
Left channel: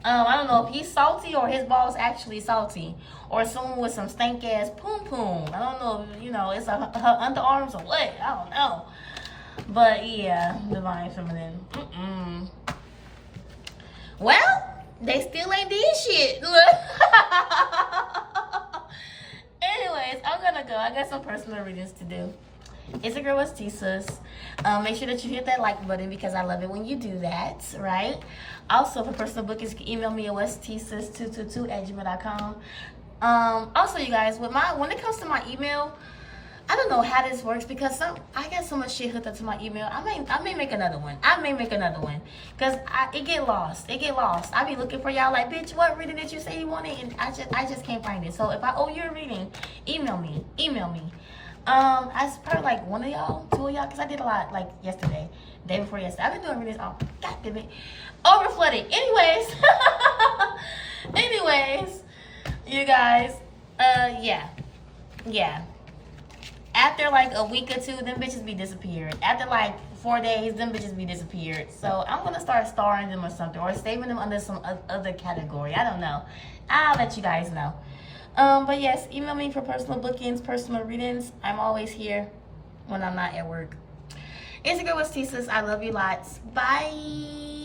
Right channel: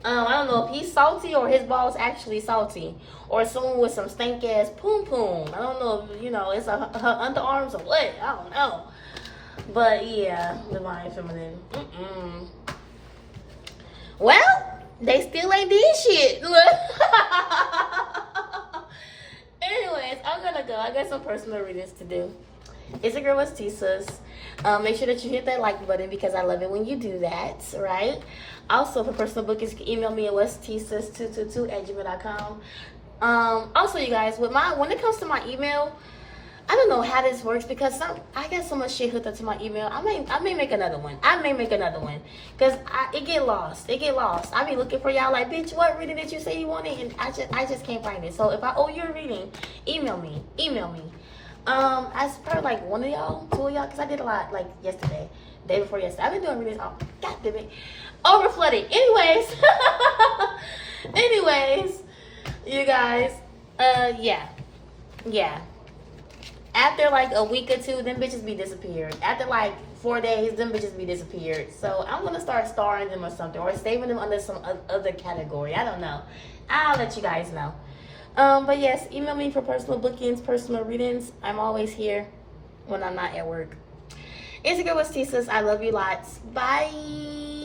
I don't know if he's salty or his balls actually salty. Or someone with some stank ass poom poom. I don't know if, you know, it's her underarms or what. I don't know. But yeah, Divine Feminine. Well, they still ain't did shit. Look. Anyways, I'm gonna go. I got some personal readings to do. It's your girl, Westissas. Make sure that you hit that like button because I love it when you do that, right? Also, for personal bookings, you can email me at westissas222@gmail.com. Also, you guys, when it comes to my email, I don't know how this works because I get so much shit hooked up to my email. I may make another one. Because it get lost. I be looking for y'all like, bitch, what reading did you say you wanted? And I just can't find it. So if I owe you a reading, email me. I probably like one of y'all, 2 of y'all, because I did a lot like yesterday, day before yesterday. I've been doing readings. Oh, God damn it. Over flooded. Anyways, you guys, yeah. after like a week or two, them bitches be disappeared. After like 4 days, them bitches be disappeared. So I'm gonna start starring them or something, or saving them under some other category. I don't know. I'll let you guys know. But yes, email me for personal bookings, personal readings. I'm always here when I'm not at work. It's your girl, Tisas. I love you lots. Bye.